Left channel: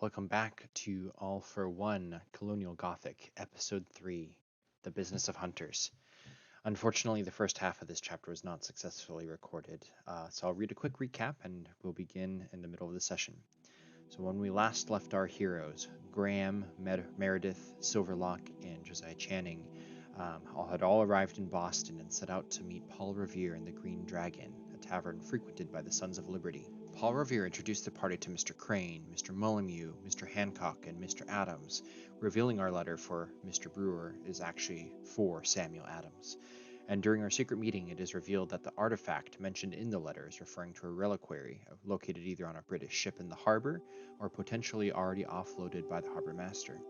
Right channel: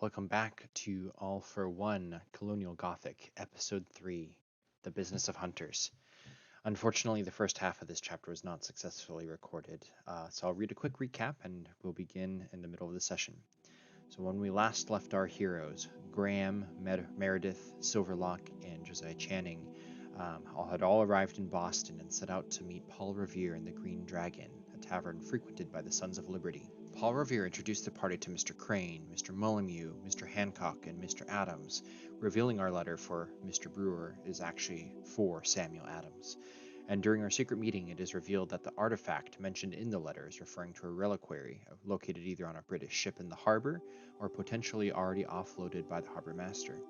Welcome back to All for One Colonial Gothic, Episode 3 The Business of Hunters. Unfortunately, the first half of this chapter was not successfully recorded, so I'll read a quick recap and we'll begin in the middle of the session. So, when we last left our heroes, Graham, Meredith, Silverlock, and Josiah Channing had all arrived in Boston and set out to meet Paul Revere in the Green Dragon, a tavern frequented by the Sons of Liberty. Paul Revere introduced the party to Mr. Crane, Mr. Molyneux, Mr. Hancock, and Mr. Adams, revealing our letter for Mr. Brewer is actually for Samuel Adams. And during our secret meeting, it is revealed that the artifact mentioned in the letter is referring to a reliquary located either on a British ship in the harbor or potentially already offloaded by the harbor master.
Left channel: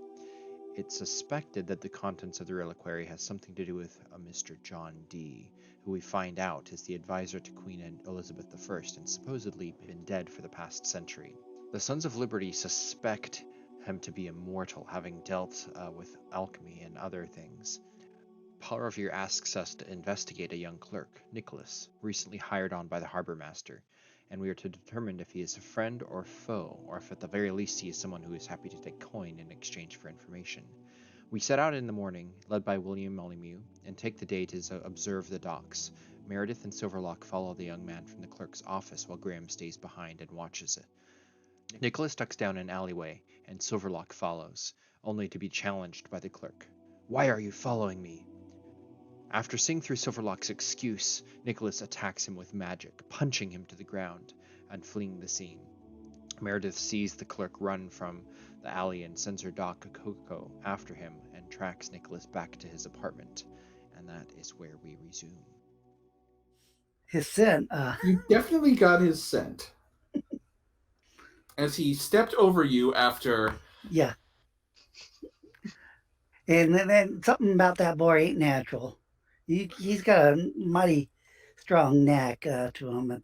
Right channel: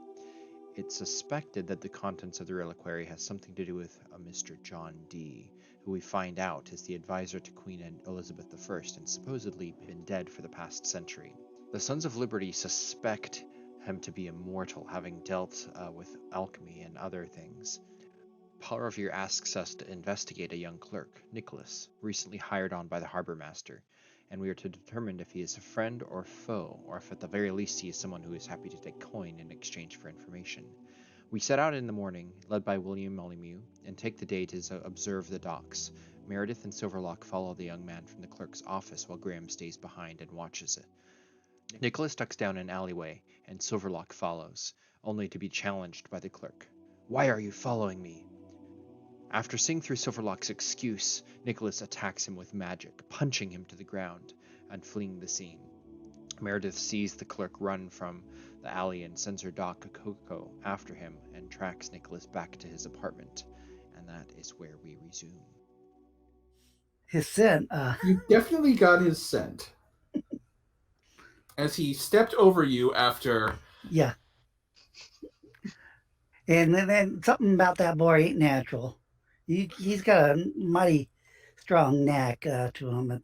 It's suspected that the contents of the reliquary has something to do with a Mr. John Dee, who we find out is the advisor to Queen Elizabeth I and supposedly been dead for the past century. The Sons of Liberty suspect him to be immortal, having dealt with alchemy and other things. Paul Revere asks us to investigate a young clerk, Nicholas, recently hired on by the harbor master, and we are to determine if he is a friend or foe, or if at the very least he is someone who is happy to take coin in exchange for information. We set out in the morning, led by William Molyneux, and take the day to observe the docks. Meredith and Silverlock follow the young man from the clerk's office while Graham stays behind and watches it. Nicholas ducks down an alleyway, and Silverlock follows, only to be challenged by the clerk. "Why are you following me?" After seeing through Silverlock's excuse, Nicholas attacks him with magic, punching him to the ground and fleeing the scene. Meredith sees the clerk run from the alley and sends her dog Coco after him and tracks Nicholas back to his apartment. And that is where we resume. His scent. You definitely got his scent. As he stepped over you after... Yeah. And then something about that boy ain't natural. He's got a mighty strong knack to him.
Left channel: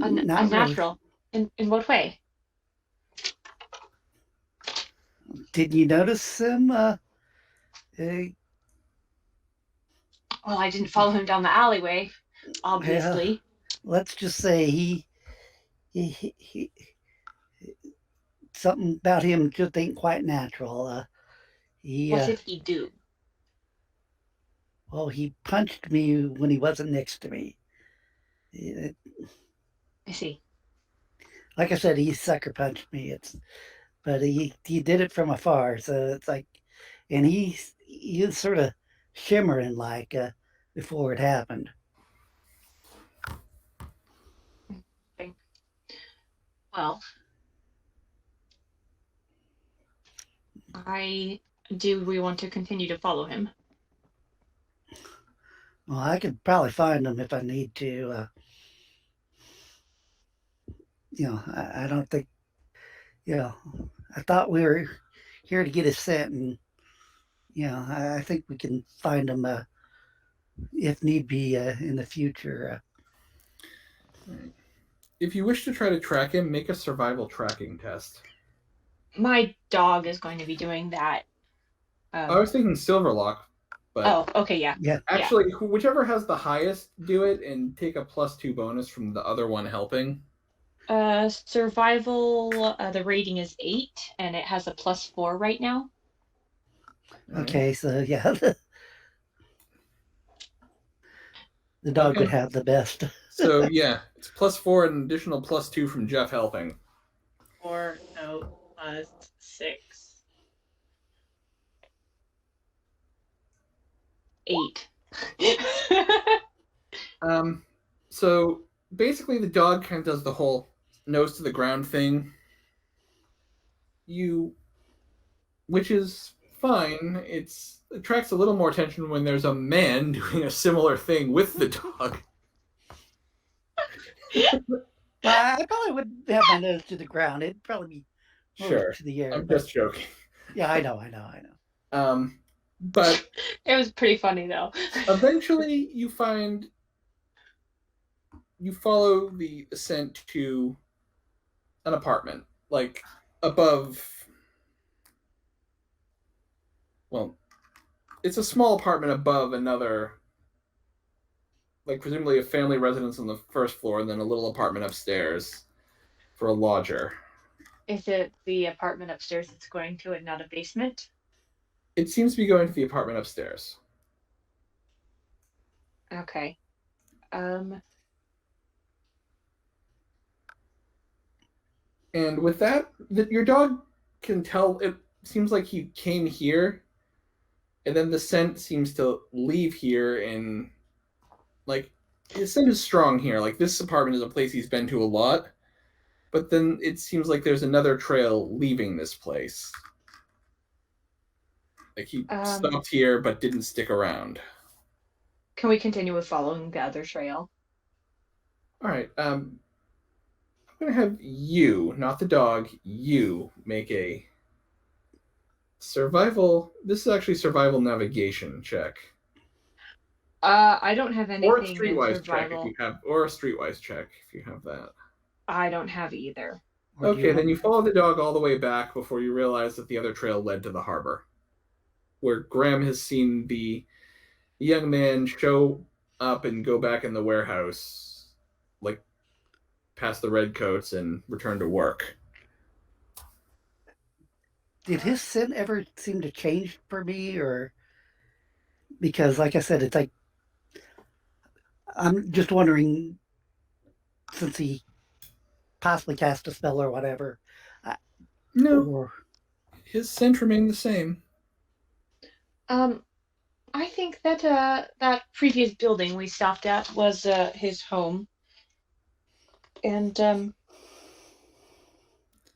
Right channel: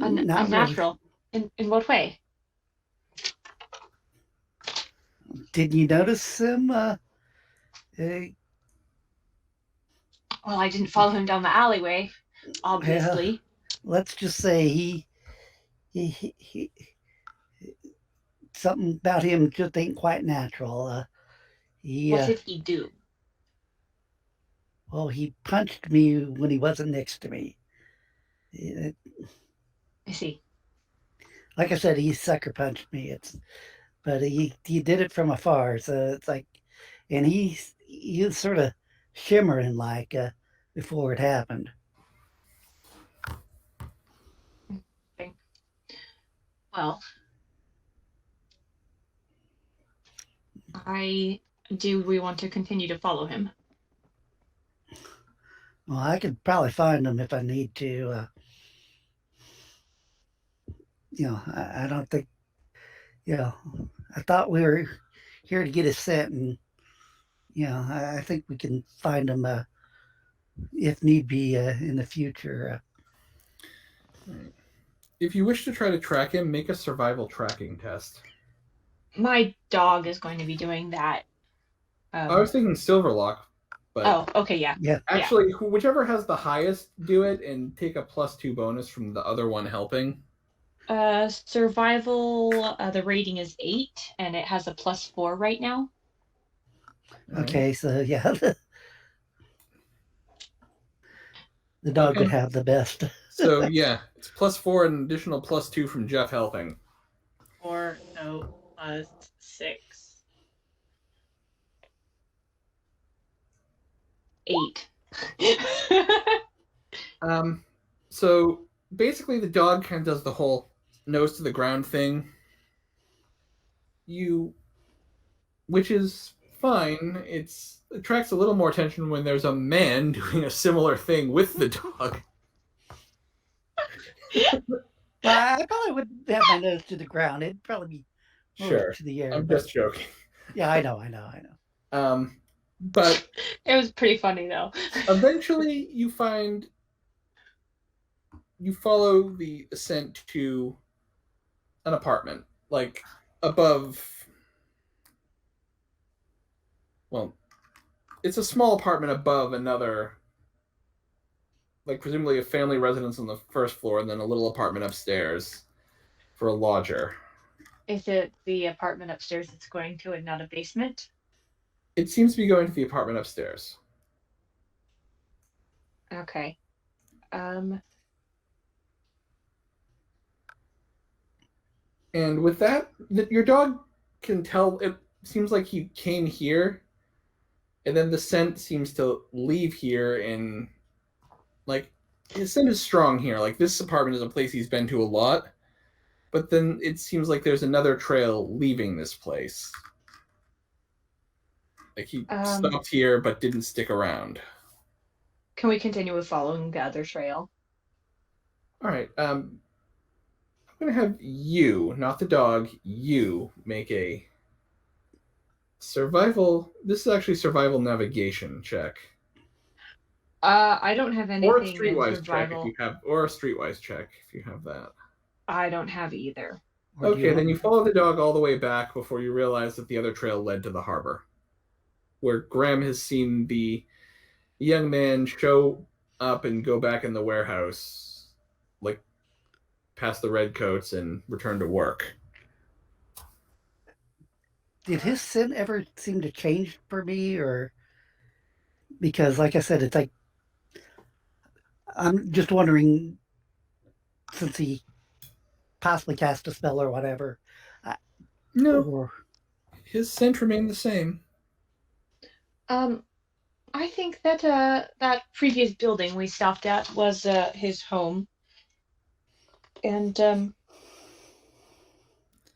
Unnatural? Really. In what way? Didn't you notice him? Well, I didn't follow him down the alleyway, obviously. Yeah, let's just say he something about him just ain't quite natural. What did he do? Well, he punched me when he wasn't next to me. I see. Like I said, he sucker punched me. But he did it from afar, so it's like, and he was sort of shimmering like before it happened. Well, do we want to continue to follow him? Well, I could probably find him if I need to. I don't think, I thought we were here to get his scent, and, I think we can find him if need be in the future. If you wish to try to track him, make a survival tracking test. My dog is going to be doing that. I was thinking Silverlock. But oh, okay, yeah. Actually, whichever has the highest, do it, and take a +2 bonus from the other one helping. Survival, the rating is 8, and it has a +4 right now. Okay, so yeah, the dog would have the best. So yeah, it's +4 and an additional +2 from Jeff helping. 4, no, +6. 8. So basically the dog kind of does the whole nose to the ground thing. Which is fine. It attracts a little more attention when there's a man doing a similar thing with the dog. Well, I probably wouldn't have my nose to the ground. It'd probably be sure to the air. I'm just joking. Yeah, I know. But it was pretty funny though. Eventually you follow the ascent to an apartment, like above. Well, it's a small apartment above another, like presumably a family residence on the first floor and then a little apartment upstairs for a lodger. Is it the apartment upstairs it's going to and not a basement? It seems to be going to the apartment upstairs. Okay. And with that, your dog can tell. It seems like he came here, and then the scent seems to leave here. And like his scent is strong here. Like this apartment is a place he's been to a lot, but then it seems like there's another trail leaving this place. Like he stopped here but didn't stick around. Can we continue with following the other trail? All right. I'm gonna have you, not the dog, you make a survival. This is actually survival navigation check. I don't have anything Or a in streetwise check survival. if you have, or a streetwise check if you have that. I don't have either. Or do Okay, then have- you follow the dog all the way back before you realize that the other trail led to the harbor, where Graham has seen the young man show up and go back in the warehouse, like past the redcoats and return to work. Did his scent ever seem to change for me, or because, like I said, it's like I'm just wondering, since he possibly cast a spell or whatever. No, Or, his scent remained the same. I think that that previous building we stopped at was his home. And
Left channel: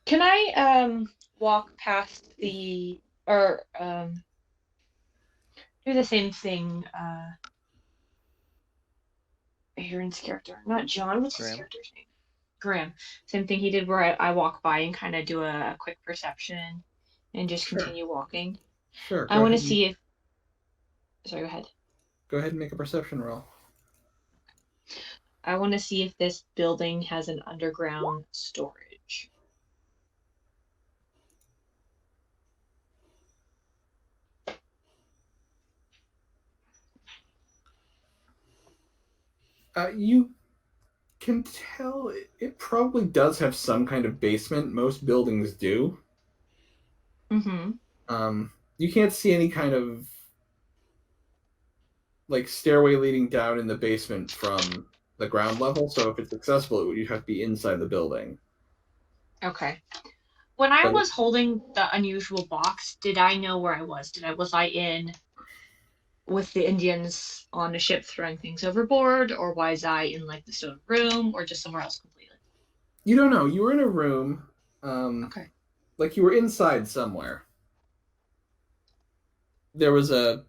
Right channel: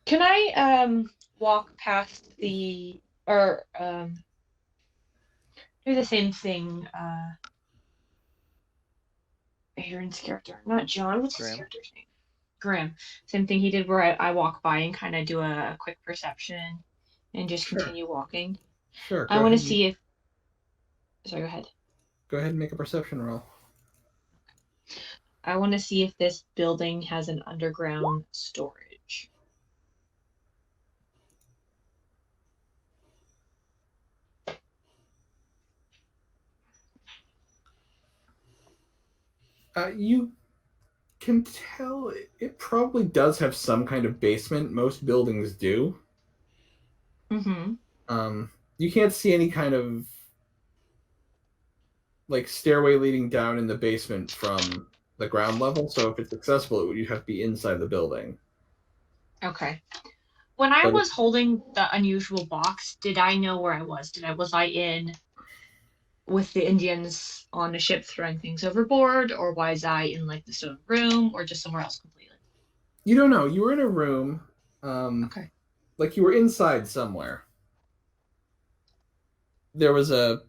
can I walk past the or do the same thing Aaron's character, not John, what's his Graham. character's name? Graham. Same thing he did where I walk by and kind of do a quick perception and just Sure. continue walking. Sure. I want to see if sorry, go ahead. Go ahead and make a perception roll. I want to see if this building has an underground storage. You can tell it probably does have some kind of basement. Most buildings do. Mm-hmm. You can't see any kind of like stairway leading down in the basement from the ground level. So if it's accessible, you'd have to be inside the building. Okay. When I But- was holding the unusual box, did I know where I was? Was I in with the Indians on a ship throwing things overboard, or was I in like the stone room, or just somewhere else completely? You don't know. You were in a room. Okay. Like you were inside somewhere. There was a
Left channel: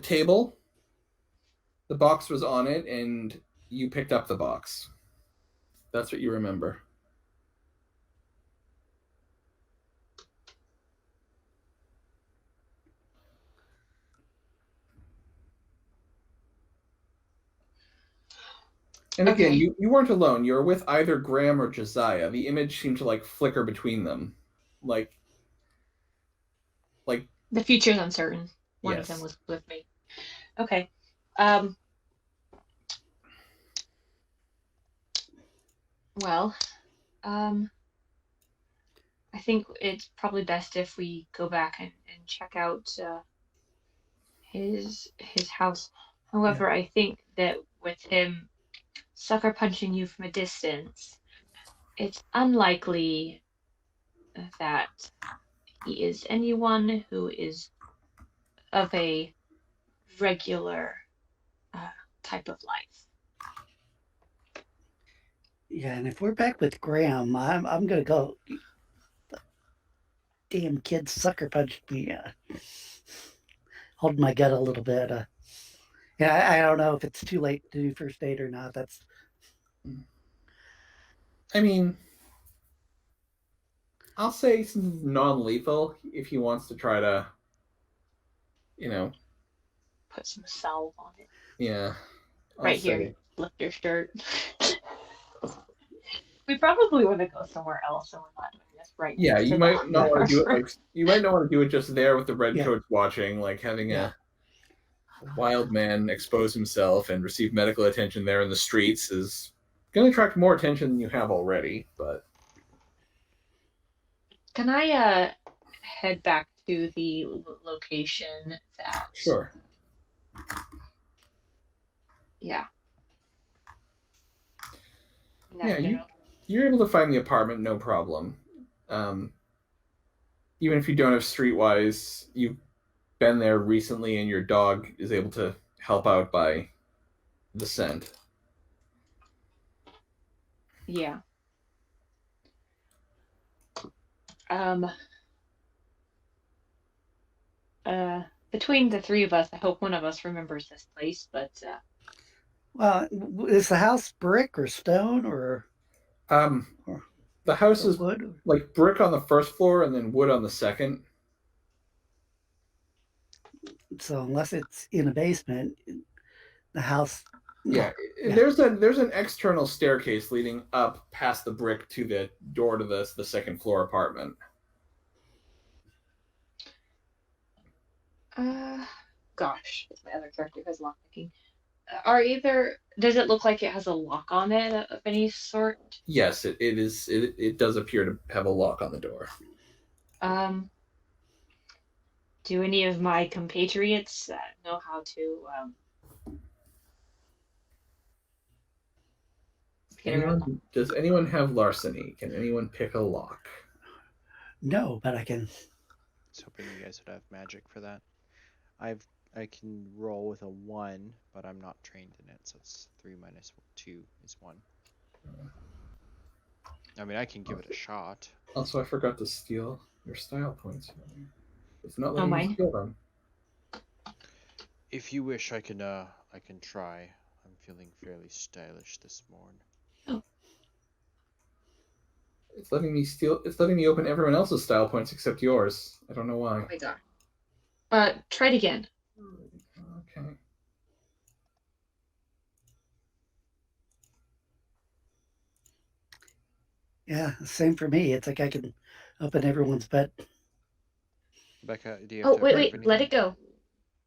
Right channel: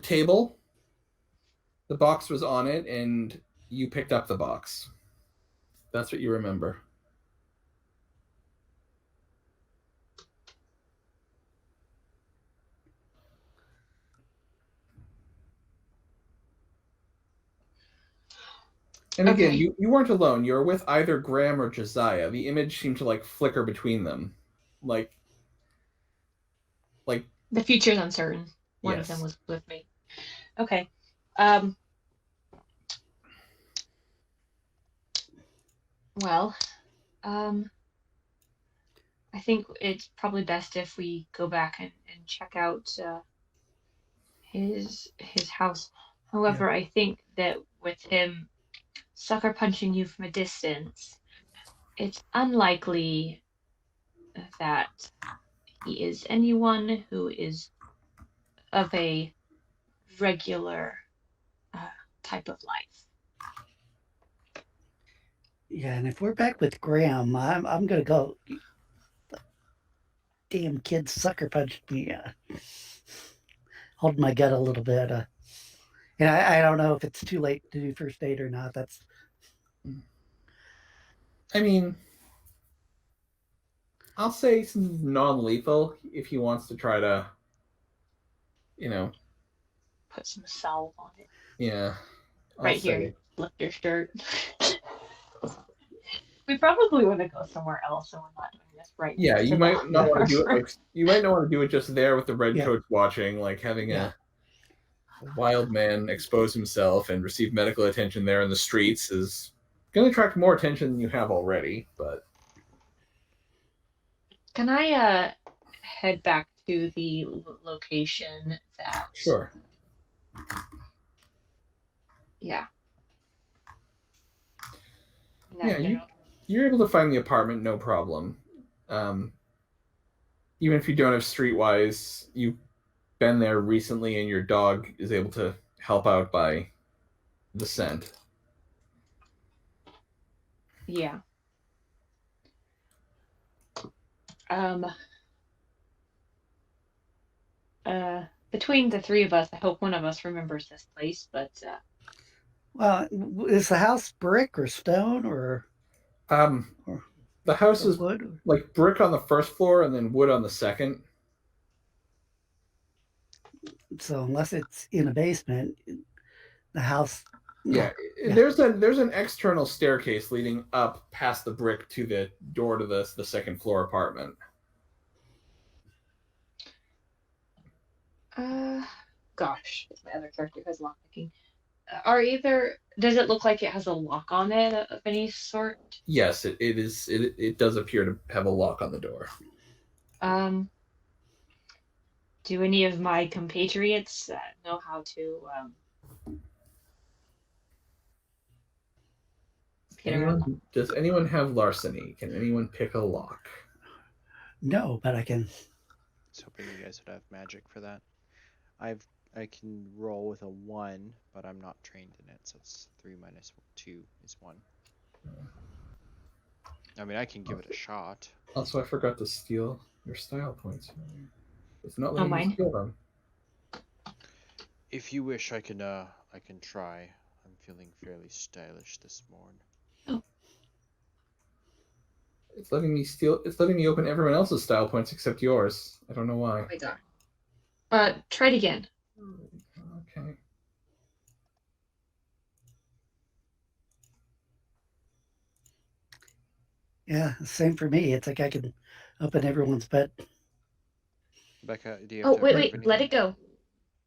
table. The box was on it, and you picked up the box. That's what you remember. And again, Okay. you weren't alone. You were with either Graham or Josiah. The image seemed to like flicker between them. Like The future's uncertain. One Yes. of them was with me. Okay. Well, I think it's probably best if we go back and check out his house. However, I think that with him sucker punching you from a distance, it's unlikely that he is anyone who is of a regular type of life. yeah, and if we're back with Graham, I'm gonna go. Damn kid sucker punched me. Hold my gut a little bit. And I don't know if it's too late to do first aid or not. That's I mean, I'll say some non-lethal if he wants to try to, Put some salve on it. yeah. Right here. Lift your shirt. We probably want to go somewhere else, and we're not doing this right Yeah, next you to might the not want to do it. harbor. Like, you might not want to do it just there with the Yeah. redcoats watching, like having Yeah. a wild man expose himself and receive medical attention there in the streets is going to attract more attention than you have already. But Can I head back to the location that? Sure. Yeah. Yeah, you're able to find the apartment, no problem. Even if you don't have Streetwise, you've been there recently, and your dog is able to help out by the scent. Yeah. Between the three of us, I hope one of us remembers this place, but Well, is the house brick or stone or The house is wood? like brick on the first floor and then wood on the second. So unless it's in a basement, the house. Yeah, there's an external staircase leading up past the brick to the door to the second floor apartment. Gosh, my other character has lockpicking. Does it look like it has a lock on it of any sort? Yes, it is. It does appear to have a lock on the door. Do any of my compatriots know how to get around? Does anyone have larceny? Can anyone pick a lock? No, but I can. I was hoping you guys would have magic for that. I can roll with a 1, but I'm not trained in it, so it's 3 minus 2 is 1. I mean, I can give it a shot. Also, I forgot to steal your style points. It's not letting me steal them. If you wish, I can try. I'm feeling fairly stylish this morning. Oh. It's letting me steal. It's letting me open everyone else's style points except yours. I don't know why. Oh my god. Try it again. Okay. Yeah, same for me. It's like I can open everyone's bed. Becca, do you have to wait, let it go.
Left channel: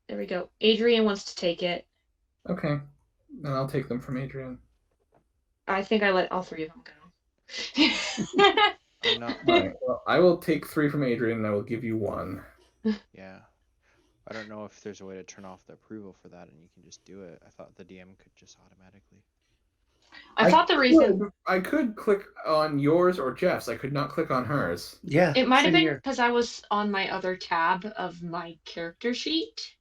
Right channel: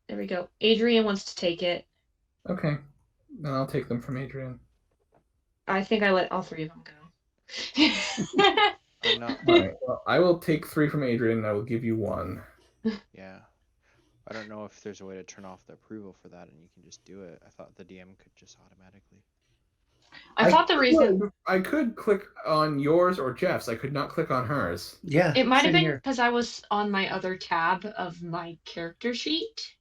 There we go. Adrian wants to take it. Okay. Then I'll take them from Adrian. I think I let all three of them go. I'm not. Right. Well, I will take 3 from Adrian, and I will give you 1. Yeah. I don't know if there's a way to turn off the approval for that, and you can just do it. I thought the DM could just automatically. I thought the reason I could click on yours or Jeff's. I could not click on hers. Yeah. it might have been because I was on my other tab of my character sheet.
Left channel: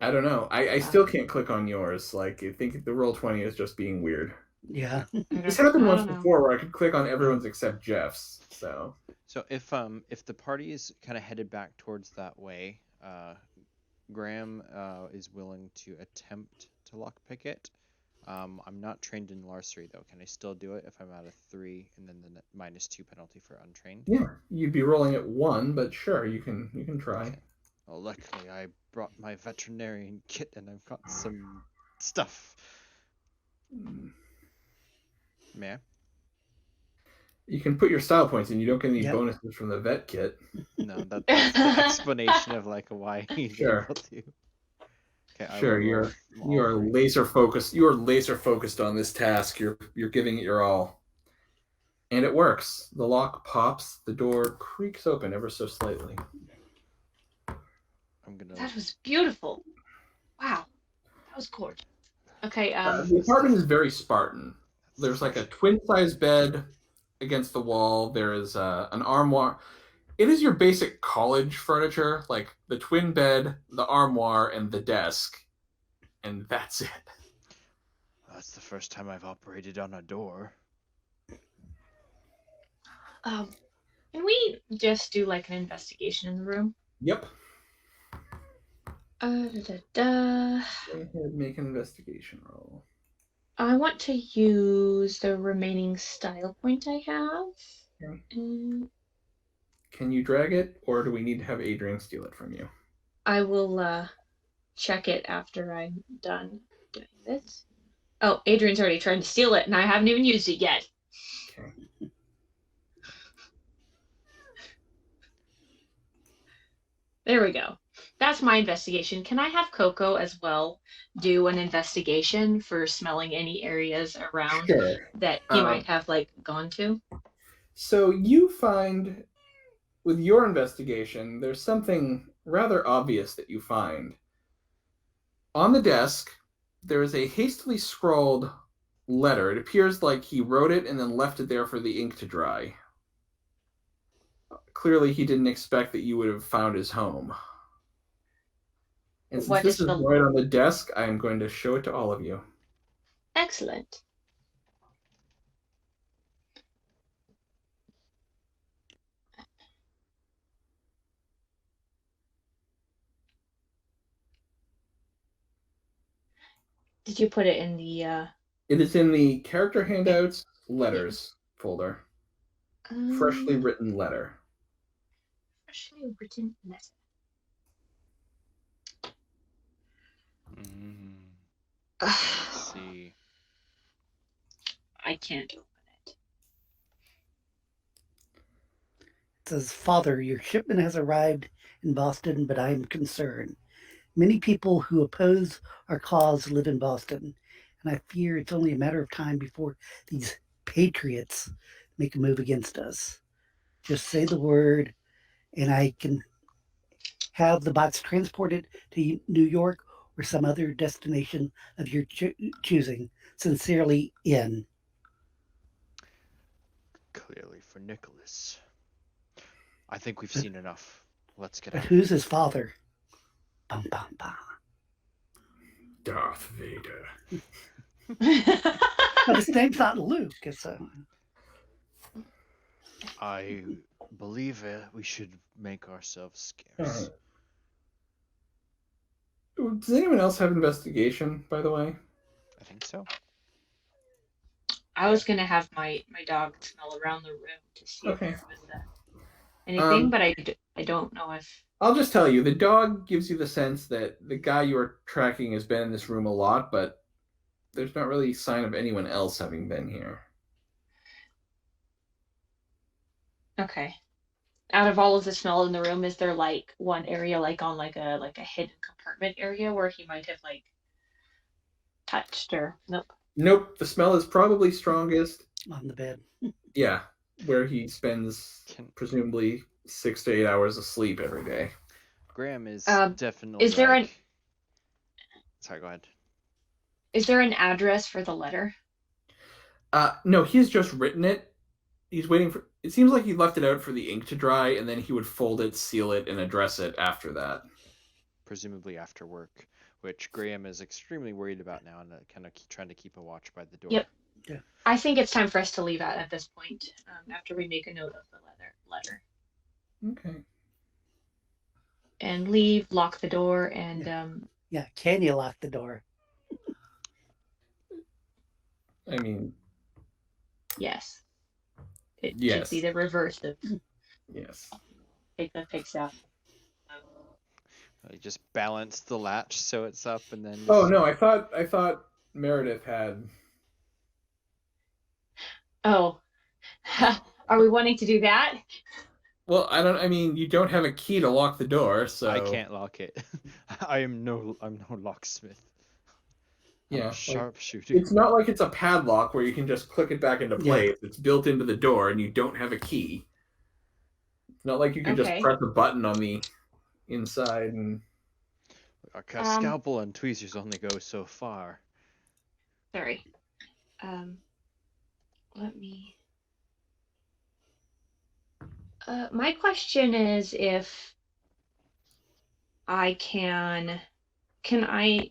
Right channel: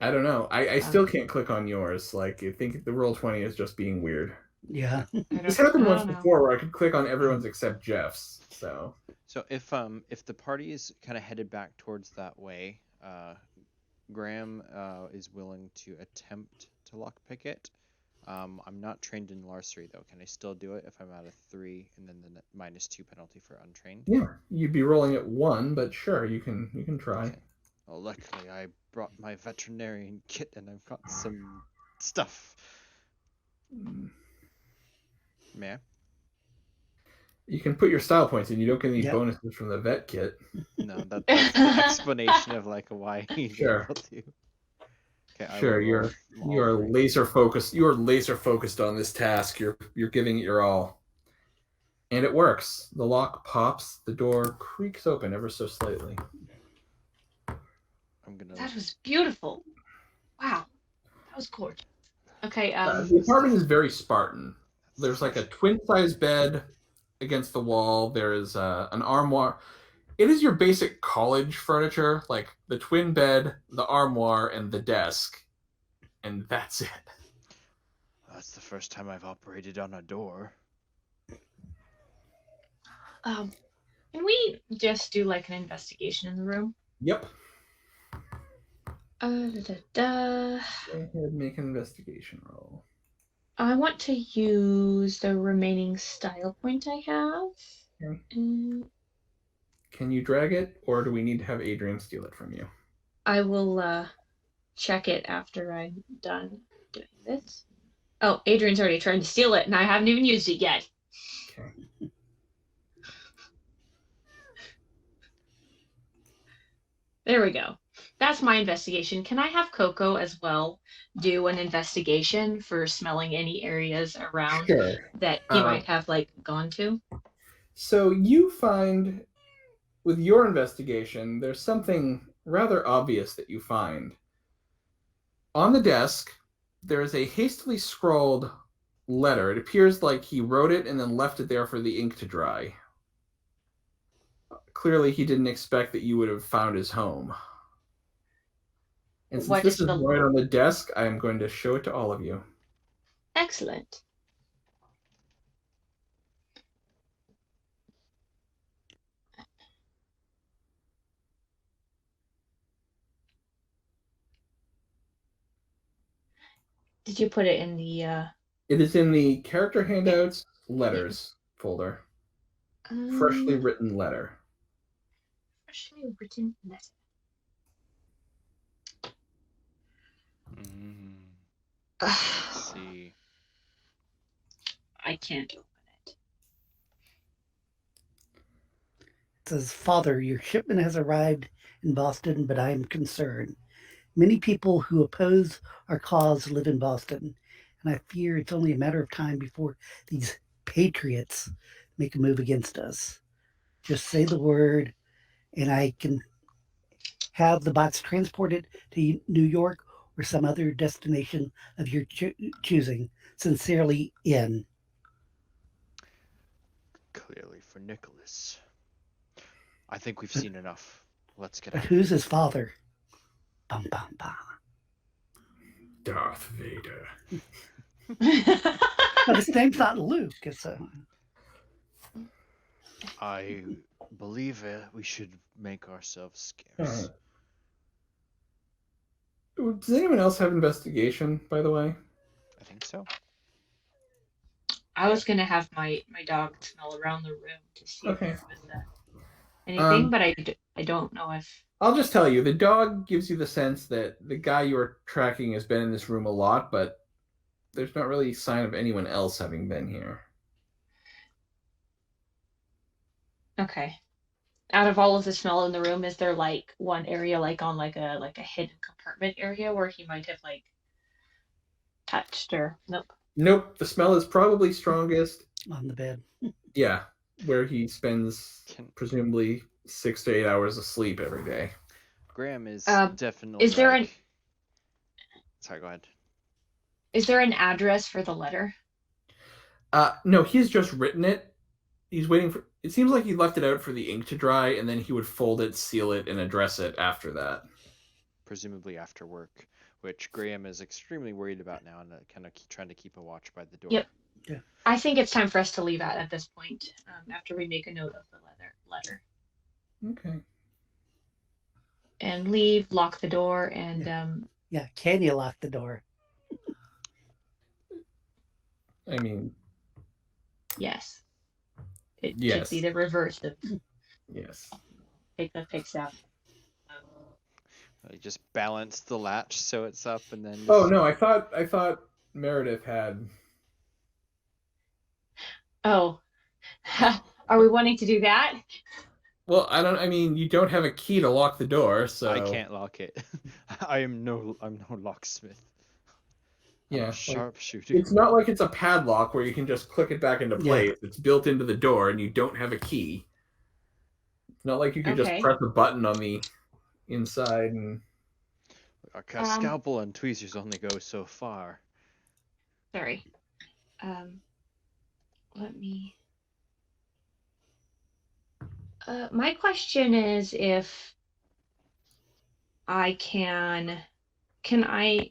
I don't know. I still can't click on yours. Like, I think the Roll20 is just being weird. Yeah. This happened once before where I could click on everyone's except Jeff's. So if the party is kind of headed back towards that way, Graham is willing to attempt to lockpick it. I'm not trained in larceny though. Can I still do it if I'm at a 3 and then the -2 penalty for untrained? yeah, you'd be rolling at 1, but sure, you can try. Okay. Well, luckily I brought my veterinarian kit and I've got some stuff. May I? You can put your style points in. You don't get any bonuses from the vet kit. No, that's the explanation of like why he's able to. Okay, sure, you are laser focused. You are laser focused on this task. You're giving it your all, and it works. The lock pops. The door creaks open ever so slightly. That was beautiful. Wow, that was gorgeous. Okay. The apartment is very Spartan. There's like a twin-size bed against the wall. There is an armoire. It is your basic college furniture, like the twin bed, the armoire, and the desk. And that's it. That's the first time I've operated on a door. Can we just do like an investigation in the room? Yep. Go ahead, make an investigation roll. I want to use the remaining style point I have. Okay. Can you drag it, or do we need to have Adrian steal it from you? I will check it after I'm done doing this. Oh, Adrian's already trying to steal it, and I haven't even used it yet. Okay. There we go. That's my investigation. Can I have Coco as well do an investigation for smelling any areas around that he might have like gone to? So you find with your investigation, there's something rather obvious that you find. On the desk, there is a hastily scrawled letter. It appears like he wrote it and then left it there for the ink to dry. Clearly, he didn't expect that you would have found his home. And since What this is is the- right on the desk, I'm going to show it to all of you. Excellent. Did you put it in the It is in the character handouts letters folder. Freshly written letter. freshly written letter? Let's see. I can't open it. It says, Father, your shipment has arrived in Boston, but I am concerned. Many people who oppose our cause live in Boston, and I fear it's only a matter of time before these patriots make a move against us. Just say the word, and I can have the box transported to New York or some other destination of your choosing. Sincerely, N. Clearly for Nicholas. I think we've seen enough. Let's get But out. who's his father? Bum, bum, bum. Darth Vader. No, his name's not Luke. It's I believe we should make ourselves scarce. Does anyone else have investigation, by the way? I think so. I was gonna have my dog smell around the room to see Okay. if there was anything, but I don't know if. I'll just tell you, the dog gives you the sense that the guy you're tracking has been in this room a lot, but there's not really a sign of anyone else having been here. Okay. Out of all of the smell in the room, is there like one area like on like a hidden compartment area where he might have like touched or nope. Nope, the smell is probably strongest. on the bed. Yeah, where he spends presumably 6 to 8 hours of sleep every day. Graham is definitely. Is there Sorry, go ahead. Is there an address for the letter? No, he's just written it. He's waiting for. It seems like he left it out for the ink to dry, and then he would fold it, seal it, and address it after that. Presumably after work, which Graham is extremely worried about now, and kind of trying to keep a watch by the door. Yep. Yeah. I think it's time for us to leave at this point. After we make a note of the letter. Okay. And leave, lock the door, and Yeah, can you lock the door? I mean, yes. It Yes. should be the reverse of yes. take the pigs out. You just balance the latch so it's up, and then. Oh no, I thought Meredith had. Oh, are we wanting to do that? Well, I mean, you don't have a key to lock the door, so I can't lock it. I'm no locksmith. I'm Yeah, a like, sharpshooter. it's not like it's a padlock where you can just click it back into place. Yeah. It's built into the door, and you don't have a key. It's not like you can just Okay. press a button on the inside and. A scalpel and tweezers only go so far. Sorry. Let me. My question is if I can I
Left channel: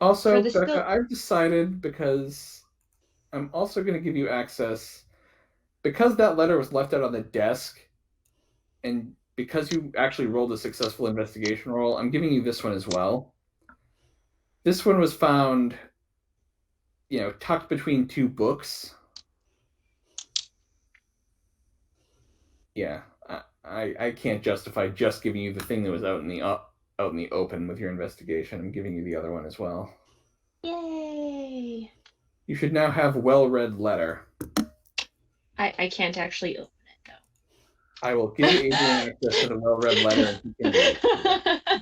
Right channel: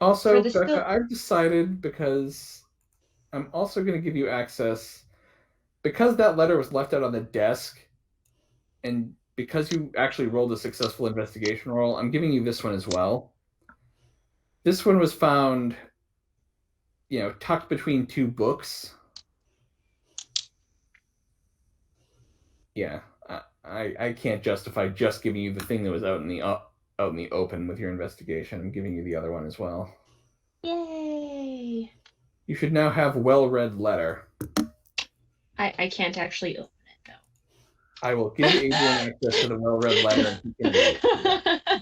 Also, For the Becca, I've decided, because I'm also going to give you access, because that letter was left out on the desk, and because you actually rolled a successful investigation roll, I'm giving you this one as well. This one was found, tucked between two books. Yeah, I can't justify just giving you the thing that was out in the open with your investigation. I'm giving you the other one as well. Yay! You should now have well-read letter. I can't actually open it I will give Adrian access to the well-read letter, and he can read it. though.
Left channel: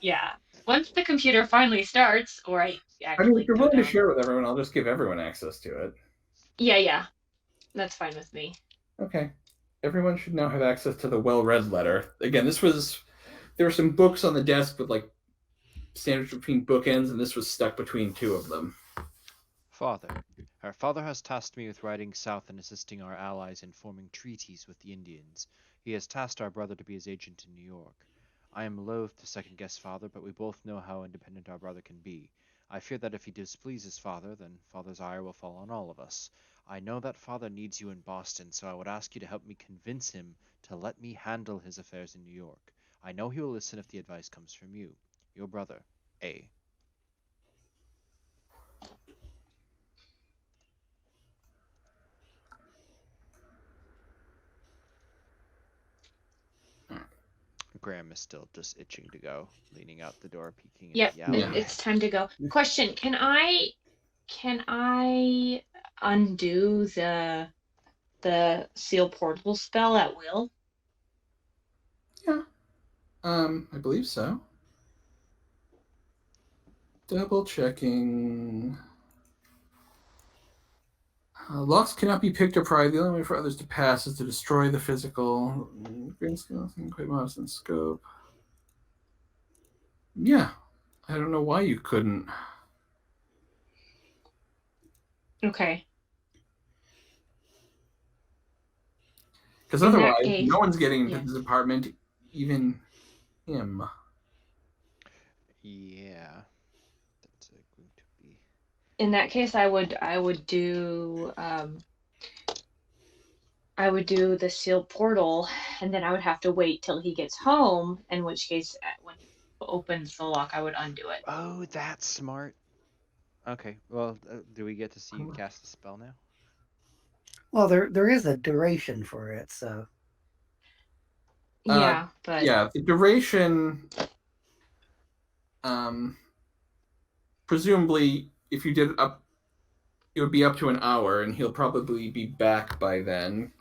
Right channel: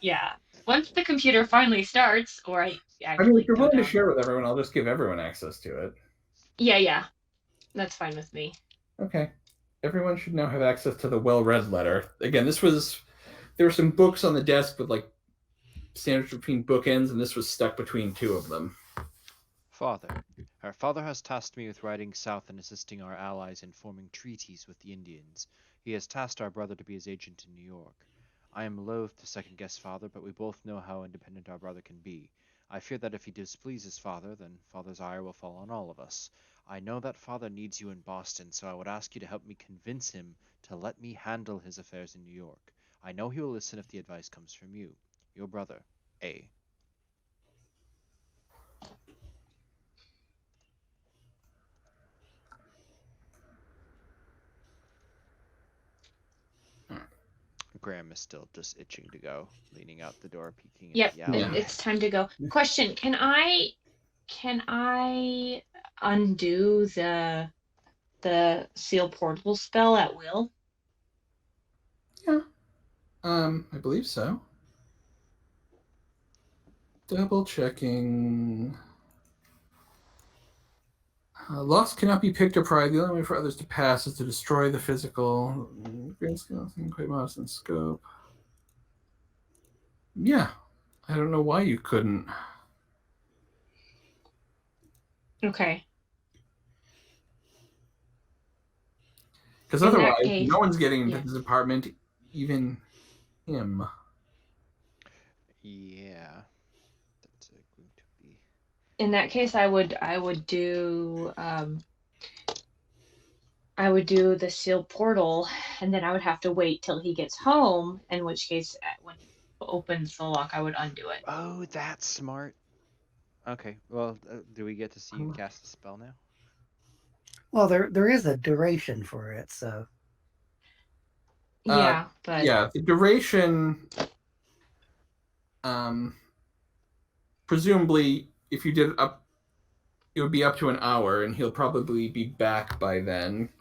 Yeah. Once the computer finally starts, or I I actually mean, if you're go willing to down- share with everyone, I'll just give everyone access to it. Yeah, that's fine with me. Okay. everyone should now have access to the well-read letter. Again, there were some books on the desk with like sandwiched between bookends, and this was stuck between two of them. Father, our father has tasked me with riding south and assisting our allies in forming treaties with the Indians. He has tasked our brother to be his agent in New York. I am loath to second guess father, but we both know how independent our brother can be. I fear that if he displeases father, then father's ire will fall on all of us. I know that father needs you in Boston, so I would ask you to help me convince him to let me handle his affairs in New York. I know he will listen if the advice comes from you. Your brother, A. Graham is still just itching to go, leaning out the door, peeking Yep, at the alley. it's time to go. Question: Can I undo the seal portal spell at will? Yeah. I believe so. Double checking. Locks cannot be picked or pried. The only way for others to pass is to destroy the physical. Green scale, quite modest in scope. Yeah. I don't know why you couldn't. Okay. Because In that otherwise, case, no one's getting into yeah. this apartment, even him. Yeah. That's going to be. In that case, I would do the sealed portal, and then I would have to wait till he gets home. In which case, when he opens the lock, I would undo it. Oh, that's smart. Okay, well, do we get to see you cast the spell now? Well, there is a duration for it, so Yeah, but Yeah, the duration. Presumably, if you did it up, it would be up to an hour, and he'll probably be back by then.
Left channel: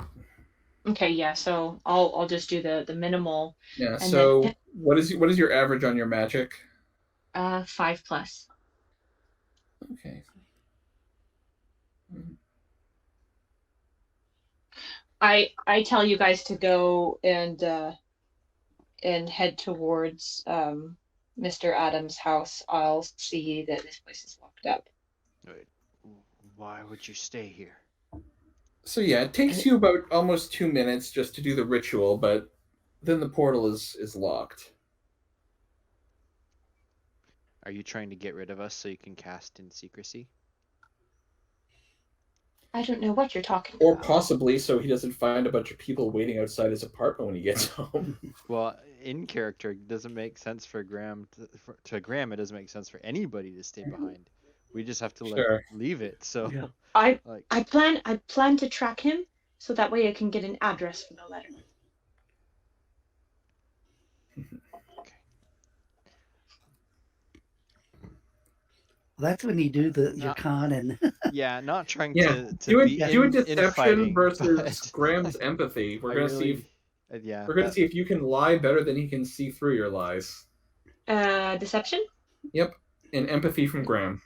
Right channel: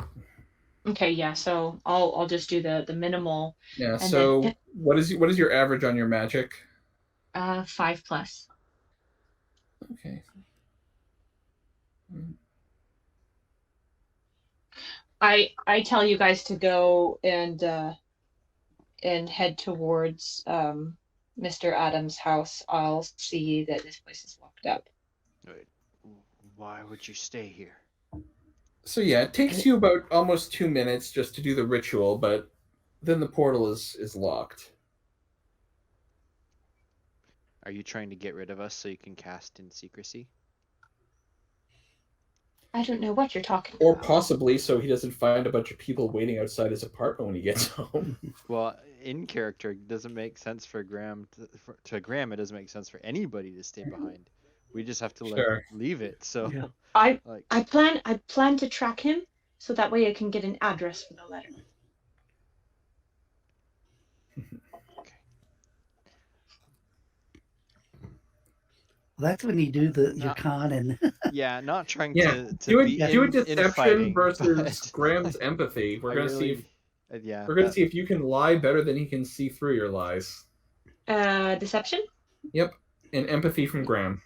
okay, yeah. So I'll just do the minimal. Yeah. And So then what is your average on your magic? 5+. Okay. I tell you guys to go and head towards Mr. Adams' house. I'll see that this place is locked up. Wait, why would you stay here? So yeah, it takes you about almost 2 minutes just to do the ritual, but then the portal is locked. Are you trying to get rid of us so you can cast in secrecy? I don't know what you're talking Or about. possibly so he doesn't find a bunch of people waiting outside his apartment when he gets home. Well, in character, it doesn't make sense for Graham to Graham. It doesn't make sense for anybody to stay behind. We just have to Sure. leave it. So, Yeah. I plan to track him so that way I can get an address for the letter. Okay. well, that's when you do your con and Yeah, not trying Yeah, to do be a deception infighting versus but Graham's empathy. We're I gonna see really, if yeah, we're gonna see if you can lie better than he can see through your lies. Deception? Yep, and empathy from Graham.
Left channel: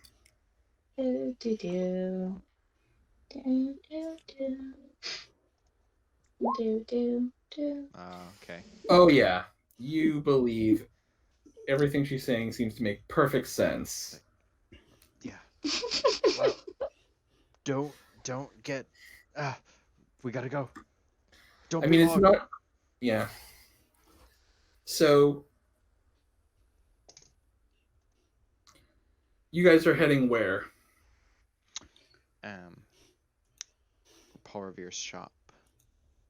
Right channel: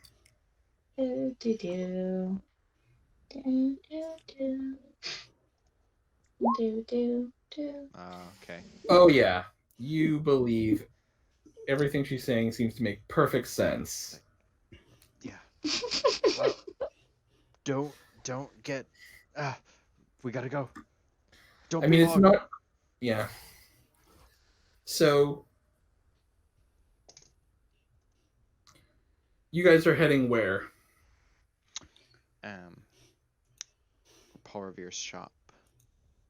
Okay. Oh yeah, you believe everything she's saying seems to make perfect sense. Yeah. Well, don't get. We gotta go. Don't I be mean, it's long. not. Yeah. So you guys are heading where? Paul Revere's shop.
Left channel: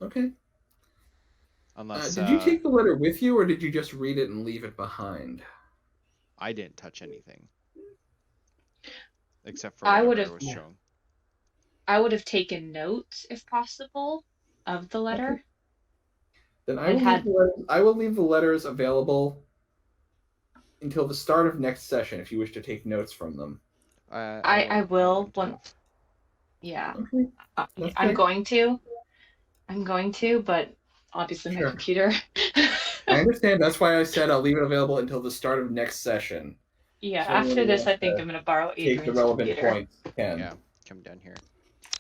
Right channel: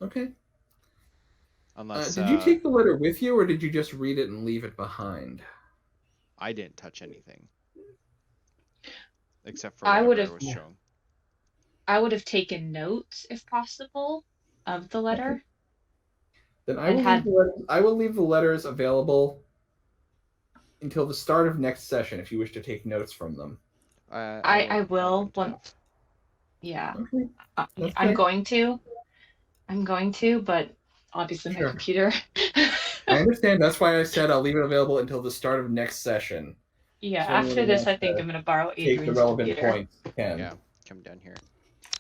Okay. Unless Did you take the letter with you, or did you just read it and leave it behind? I didn't touch anything except for I whatever was shown. I would have taken notes if possible of the letter. Okay. Then I will leave the letters available until the start of next session if you wish to take notes from them. I will once. Yeah. Okay. I'm going to, but obviously my computer. I understand. That's why I said I'll leave it available until the start of next session. Yeah, So after this, I think I'm going to borrow Adrian's take the relevant computer. points. Yeah, come down here.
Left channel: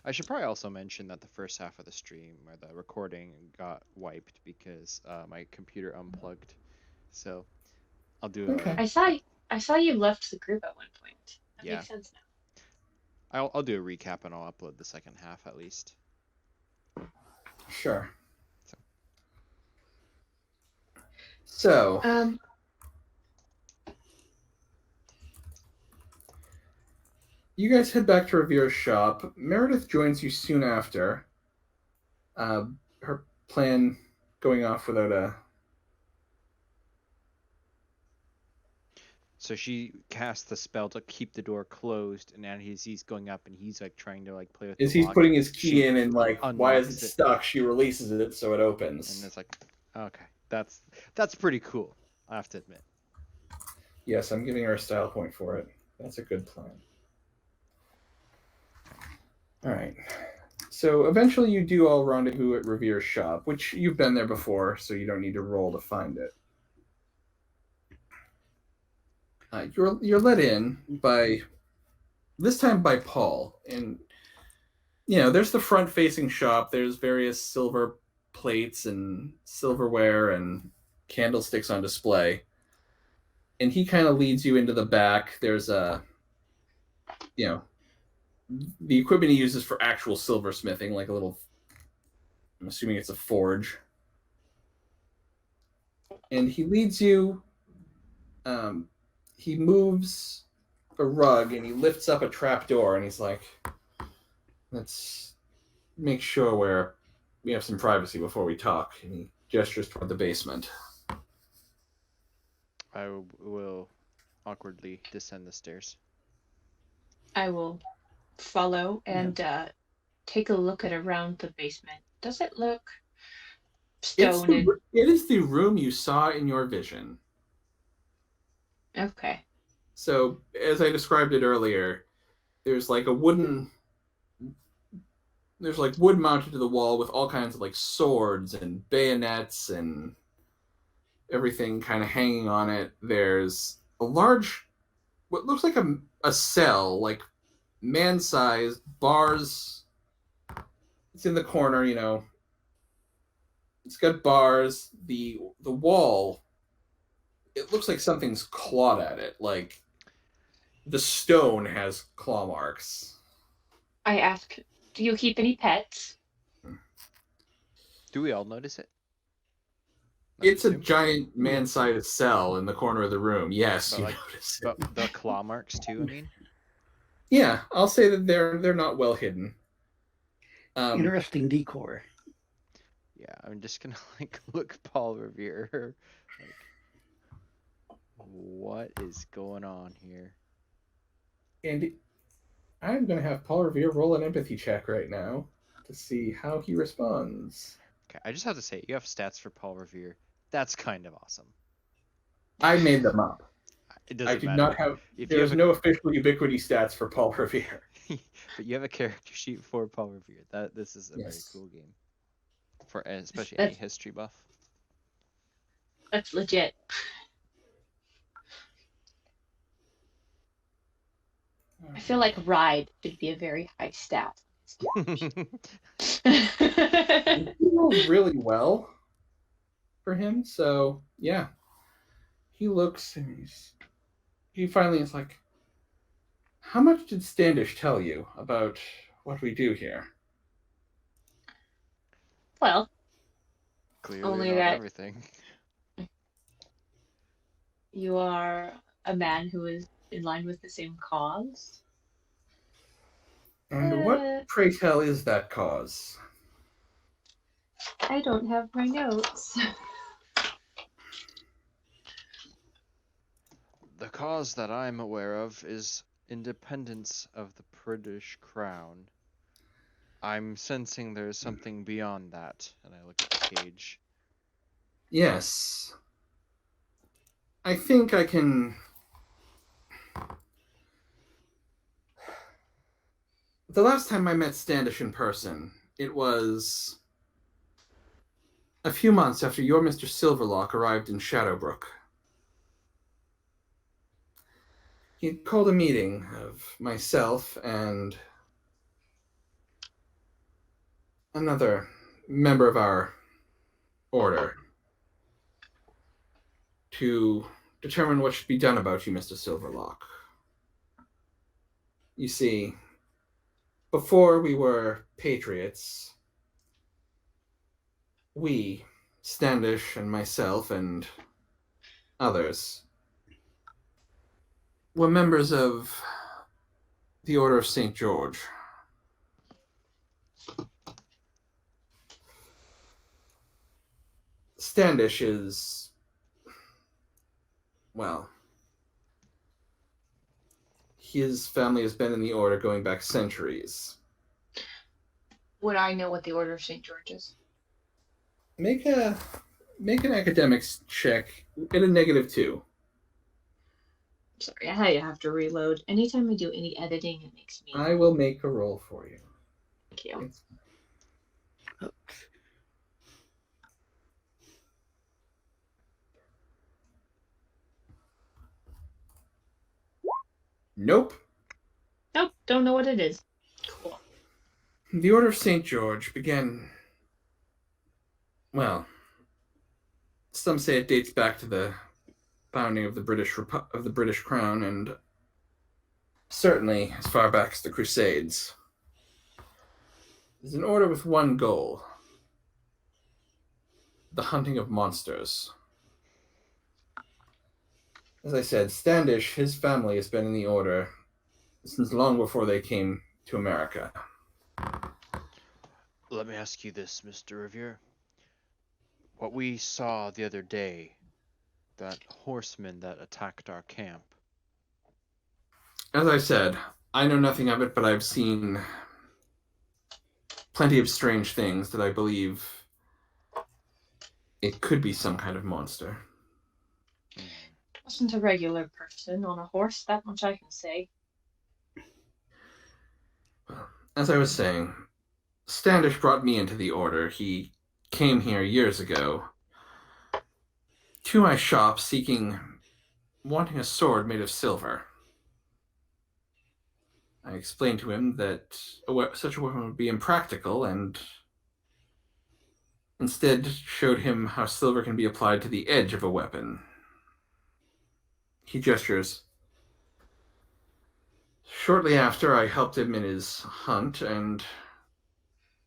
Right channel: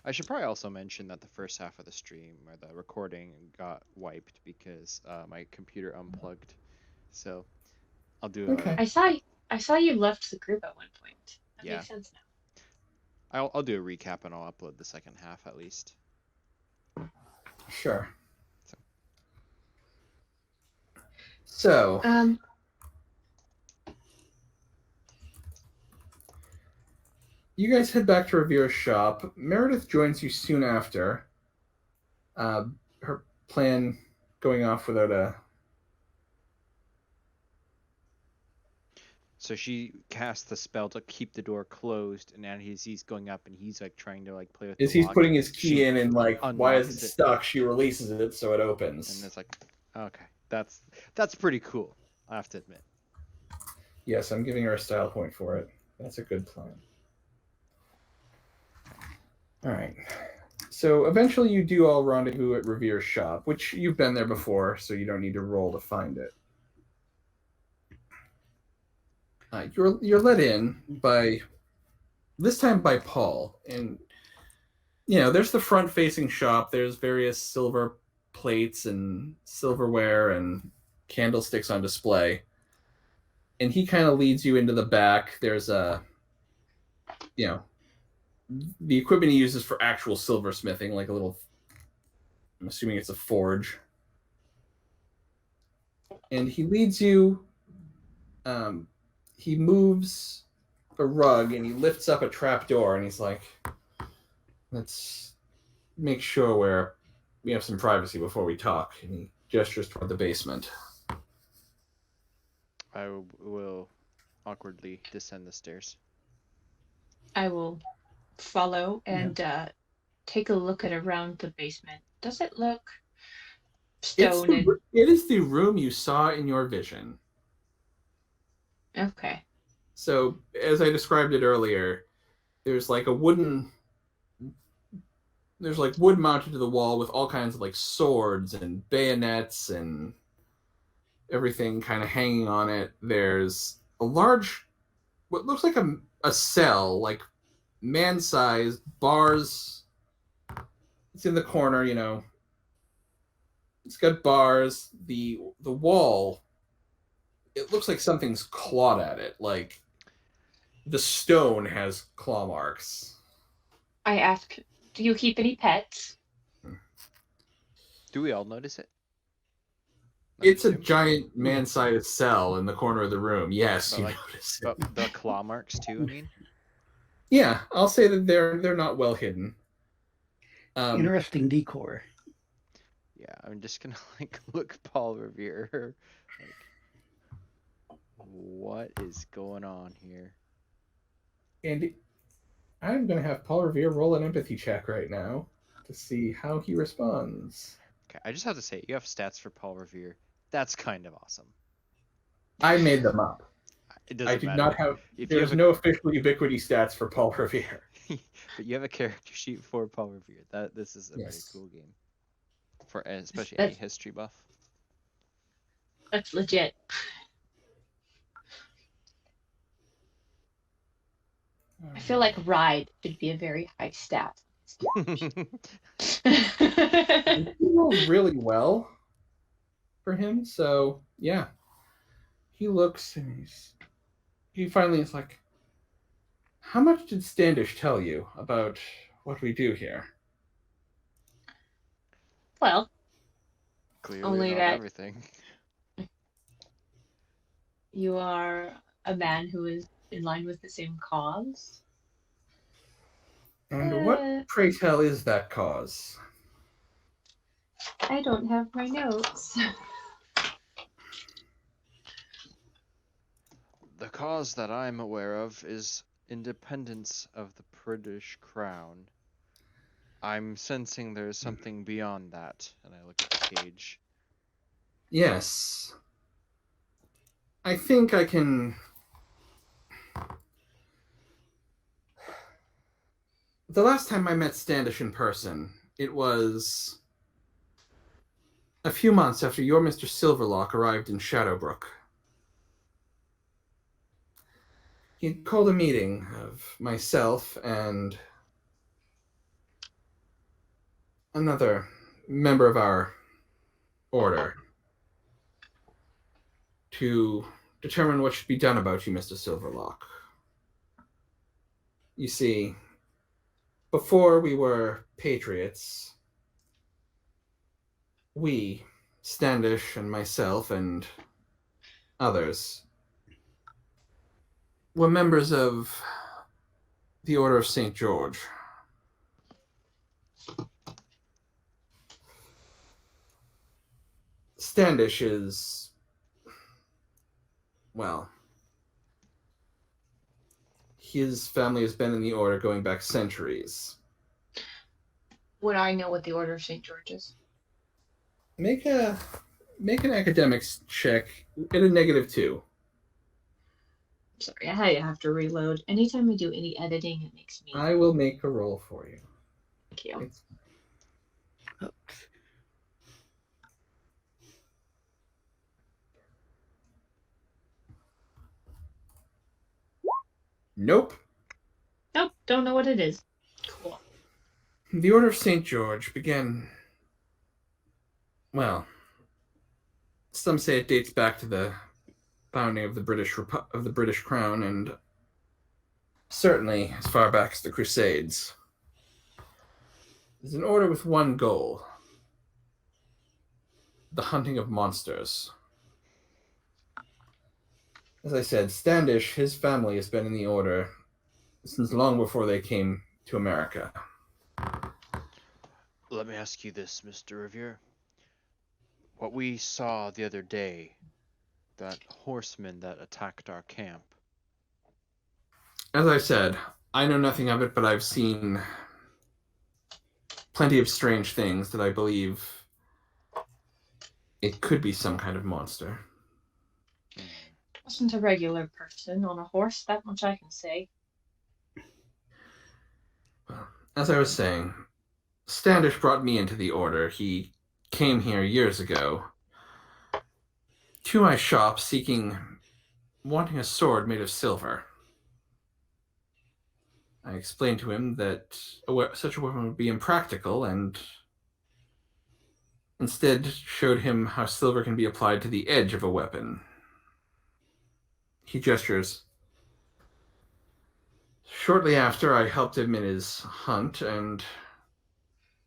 I should probably also mention that the first half of the stream or the recording got wiped because my computer unplugged. So I'll do Okay. I saw you left the group at one point. That Yeah. makes sense now. I'll do a recap and I'll upload the second half at least. Sure. So, you guys head back to Revere's shop. Meredith joins you soon after. Her plan going off without a... So she casts the spell to keep the door closed, and then he's going up and he's like trying to like play with As the he's lock. putting his key She in and like, why is unlocks it it. stuck? She releases it so it opens. And it's like, okay, that's pretty cool, I have to admit. Yes, I'm giving her a style point for it. That's a good plan. All right. So eventually you do all rendezvous at Revere's shop, which you've been there before, so you don't need to roll to find it. You're let in by, this time by Paul, and there's the front-facing shop. There's various silver plates and silverware and candlesticks on display, and he kind of leads you into the back. There's the equipment he uses for actual silversmithing, like a little, I'm assuming it's a forge, and he leads you. He moves a rug and he lifts up a trap door and he's like, let's make sure we have some privacy before we talk. And he gestures toward the basement. I will awkwardly descend the stairs. I will follow and take a look at around the basement. Does it look stone? It is the room you saw in your vision. Okay. So, as I described it earlier, there's like wood mounted to the wall with all kinds of like swords and bayonets and everything kind of hanging on it. There's a large, what looks like a cell, like man-sized bars. It's in the corner, It's got bars. The wall, it looks like something's clawed at it. Like the stone has claw marks. I ask, do you keep any pets? Do we all notice it? It's a giant man-sized cell in the corner of the room. Yes, but you like, notice it. But the claw marks too, I mean? Yeah, I'll say that they're not well hidden. Interesting decor. Yeah, I'm just gonna like look Paul Revere. Like, what is going on here? And I'm going to have Paul Revere roll an empathy check right now to see how he responds. Okay, I just have to say, you have stats for Paul Revere. That's kind of awesome. I made them up. It doesn't matter. I did not have. There's no official ubiquity stats for Paul Revere. But you have a character sheet for Paul Revere. This is a very cool game, for especially any history buff. That's legit. I feel like ride should be a very high stat. He rolled really well for him, so yeah. He looks and he finally is like, how much did Standish tell you about what we do here? Well, clearly only not that everything. You are a man who is in line with the same cause. And what, pray tell, is that cause? I don't have my notes. The cause that I'm aware of is independence of the British crown. I'm sensing there's something beyond that, and I look at the cage. Yes. I think I can... The last time I met Standish in person, it was a few months after your Mr. Silverlock arrived in Shadowbrook. He called a meeting of myself and another member of our order to determine what should be done about you, Mr. Silverlock. You see, before we were patriots, we, Standish and myself and others, were members of the Order of St. George. Standish is, well, his family has been in the order going back centuries. Would I know what the Order of St. George is? Make an academics check at a -2. Sorry, I have to reload. Anytime I do any editing, it makes me. I will make a roll for you. Thank you. It's... Nope. Nope, don't know what it is. Cool. The Order of St. George began, well, some say it dates back to the founding of the British Crown, and certainly as far back as the Crusades. It's an order with one goal: the hunting of monsters. As I said, Standish, his family has been in the order since long before they came to America. Let me ask you this, Mr. Revere. What we saw the other day, that horseman that attacked our camp. As I said, I know nothing of it, but I've seen plenty of strange things that I believe it could be some kind of monster. It wasn't a regular person on a horse, that much I can say. Well, as I was saying, Standish brought me into the order. He came here years ago to my shop wanting a sword made of silver. I explained to him that such a weapon would be impractical, and instead showed him how silver can be applied to the edge of a weapon. He gestures. Shortly after, I helped him in his hunt and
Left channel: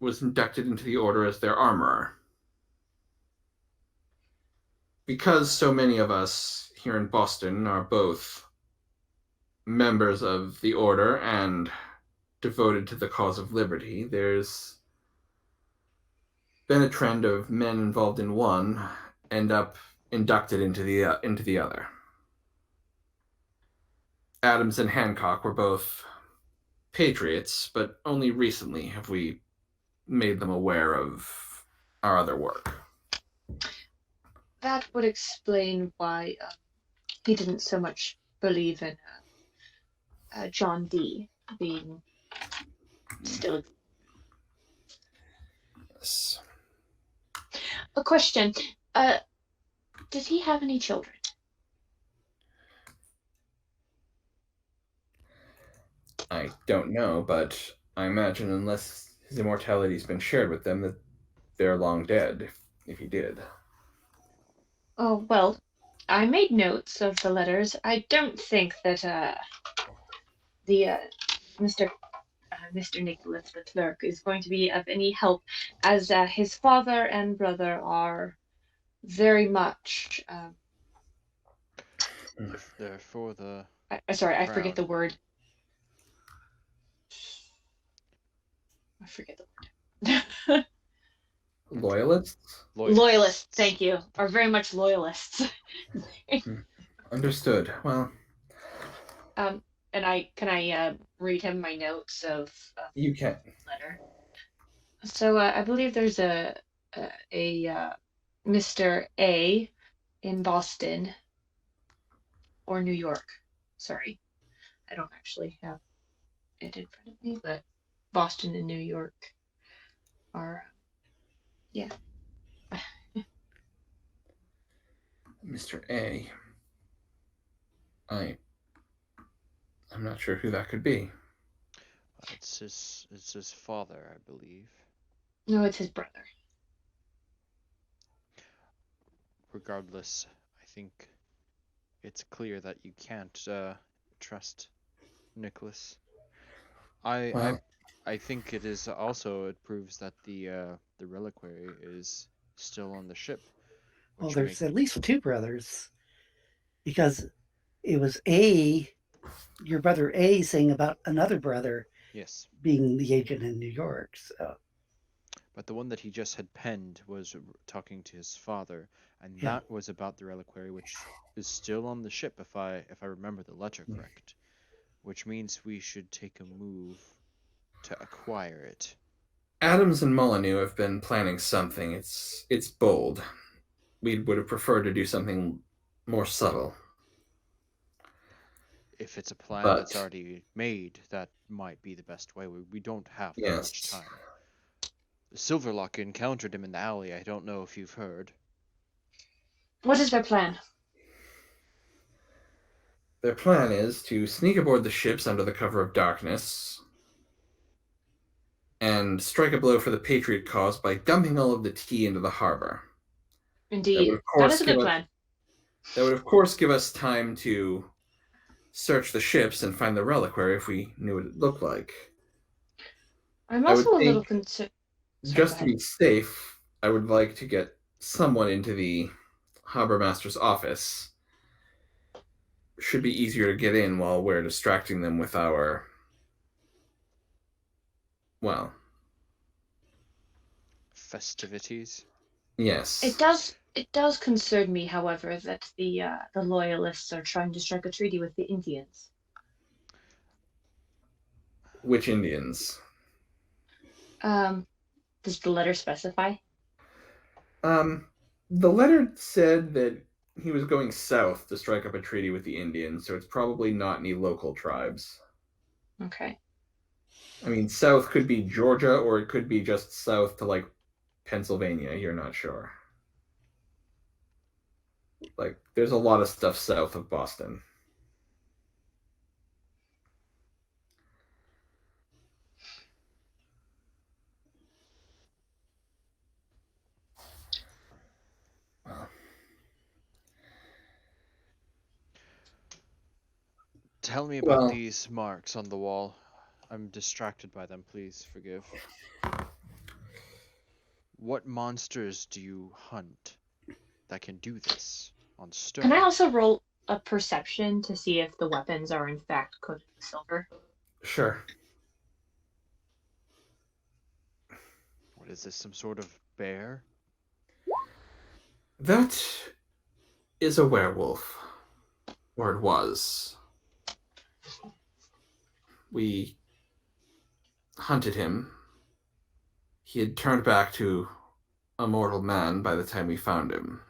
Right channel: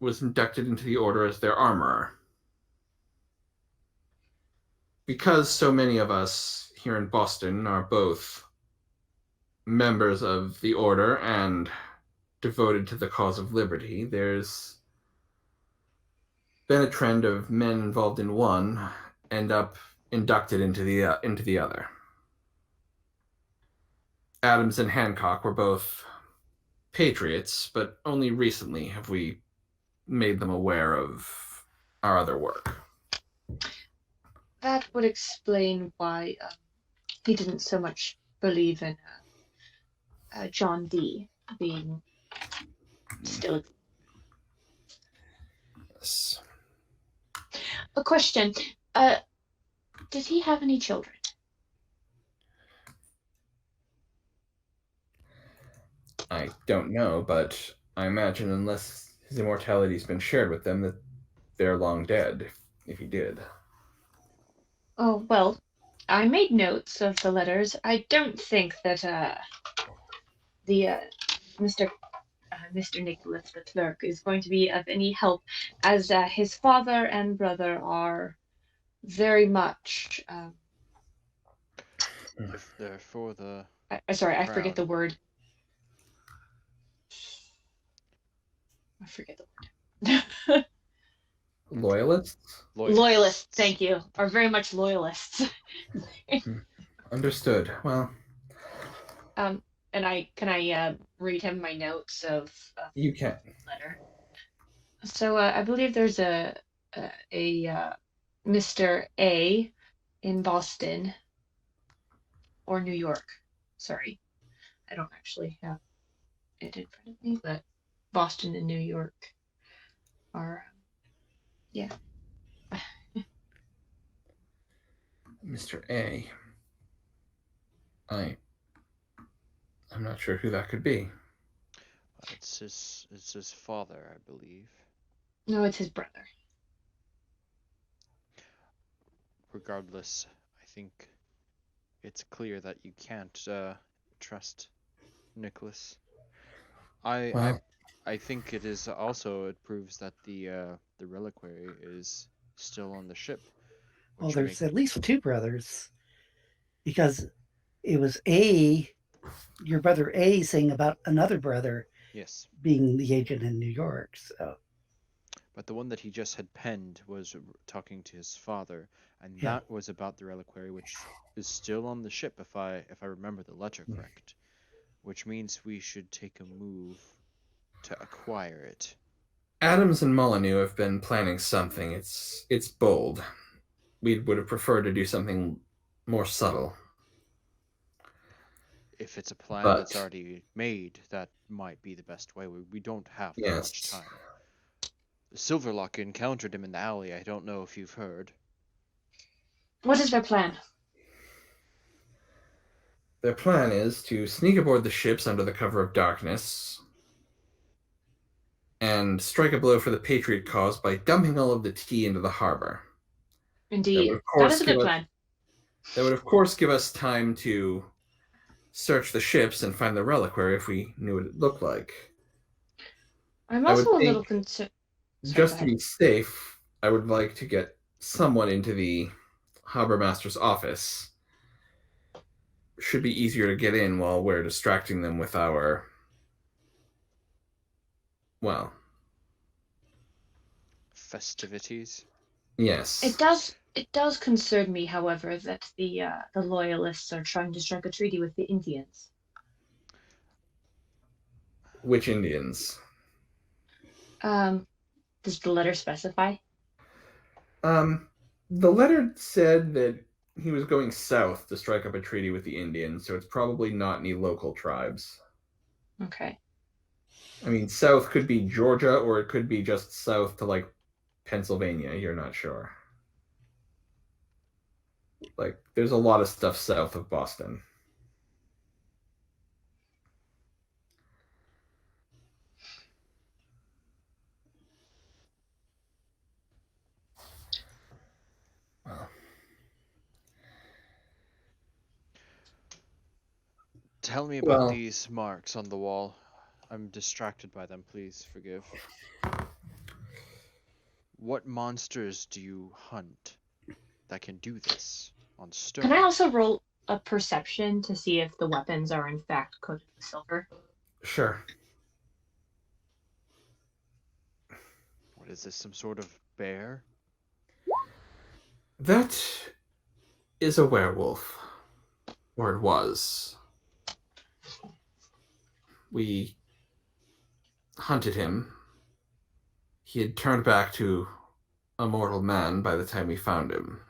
was inducted into the order as their armorer. Because so many of us here in Boston are both members of the order and devoted to the cause of liberty, there's been a trend of men involved in one end up inducted into the other. Adams and Hancock were both patriots, but only recently have we made them aware of our other work. That would explain why he didn't so much believe in John Dee being still. Yes. A question. Did he have any children? I don't know, but I imagine unless his immortality's been shared with them, that they're long dead, if he did. Oh, well, I made notes of the letters. I don't think that Mr. Nicholas, the clerk, is going to be of any help, as his father and brother are very much. If they're for the Sorry, I crown. forget the word. I forget the word. Loyalists? Loyalists, thank you, are very much loyalists. Understood. Well, and can I read him my notes of you can. letter? So I believe there's a Mr. A in Boston or New York. Sorry, I don't actually have it in front of me, but Boston and New York are, yeah. Mr. A. I'm not sure who that could be. It's his father, I believe. No, it's his brother. Regardless, I think it's clear that you can't trust Nicholas. I Well, I think it is also it proves that the reliquary is still on the ship, Well, which there's make at least two brothers because it was your brother A saying about another brother yes, being the agent in New York. So but the one that he just had penned was talking to his father, and yeah, that was about the reliquary, which is still on the ship if I remember the letter correct, which means we should take a move to acquire it. Adams and Molyneux have been planning something. It's bold. We would have preferred to do something more subtle. If it's a plan that's But already made, that might be the best way. We don't have that much yes, time. Silverlock encountered him in the alley. I don't know if you've heard. What is their plan? their plan is to sneak aboard the ships under the cover of darkness and strike a blow for the Patriot cause by dumping all of the tea into the harbor. That would Indeed. of That is course a give good us plan. that would of course give us time to search the ships and find the reliquary if we knew what it looked like. I'm I would also a think, little concerned. Sorry, go just to ahead. be safe, I would like to get someone into the harbor master's office. Should be easier to get in while we're distracting them with our, well, Festivities? yes, It does concern me, however, that the loyalists are trying to strike a treaty with the Indians. which Indians? Um, does the letter specify? Um, the letter said that he was going south to strike up a treaty with the Indians, so it's probably not any local tribes. Okay. I mean, south could be Georgia, or it could be just south to like Pennsylvania. You're not sure. Like, there's a lot of stuff south of Boston. Well, Tell me about well, these marks on the wall. I'm distracted by them, please forgive. What monsters do you hunt that can do this on Can I stone? also roll a perception to see if the weapons are in fact coated with silver? sure. What is this, some sort of bear? That is a werewolf, or it was. We hunted him. He had turned back to a mortal man by the time we found him.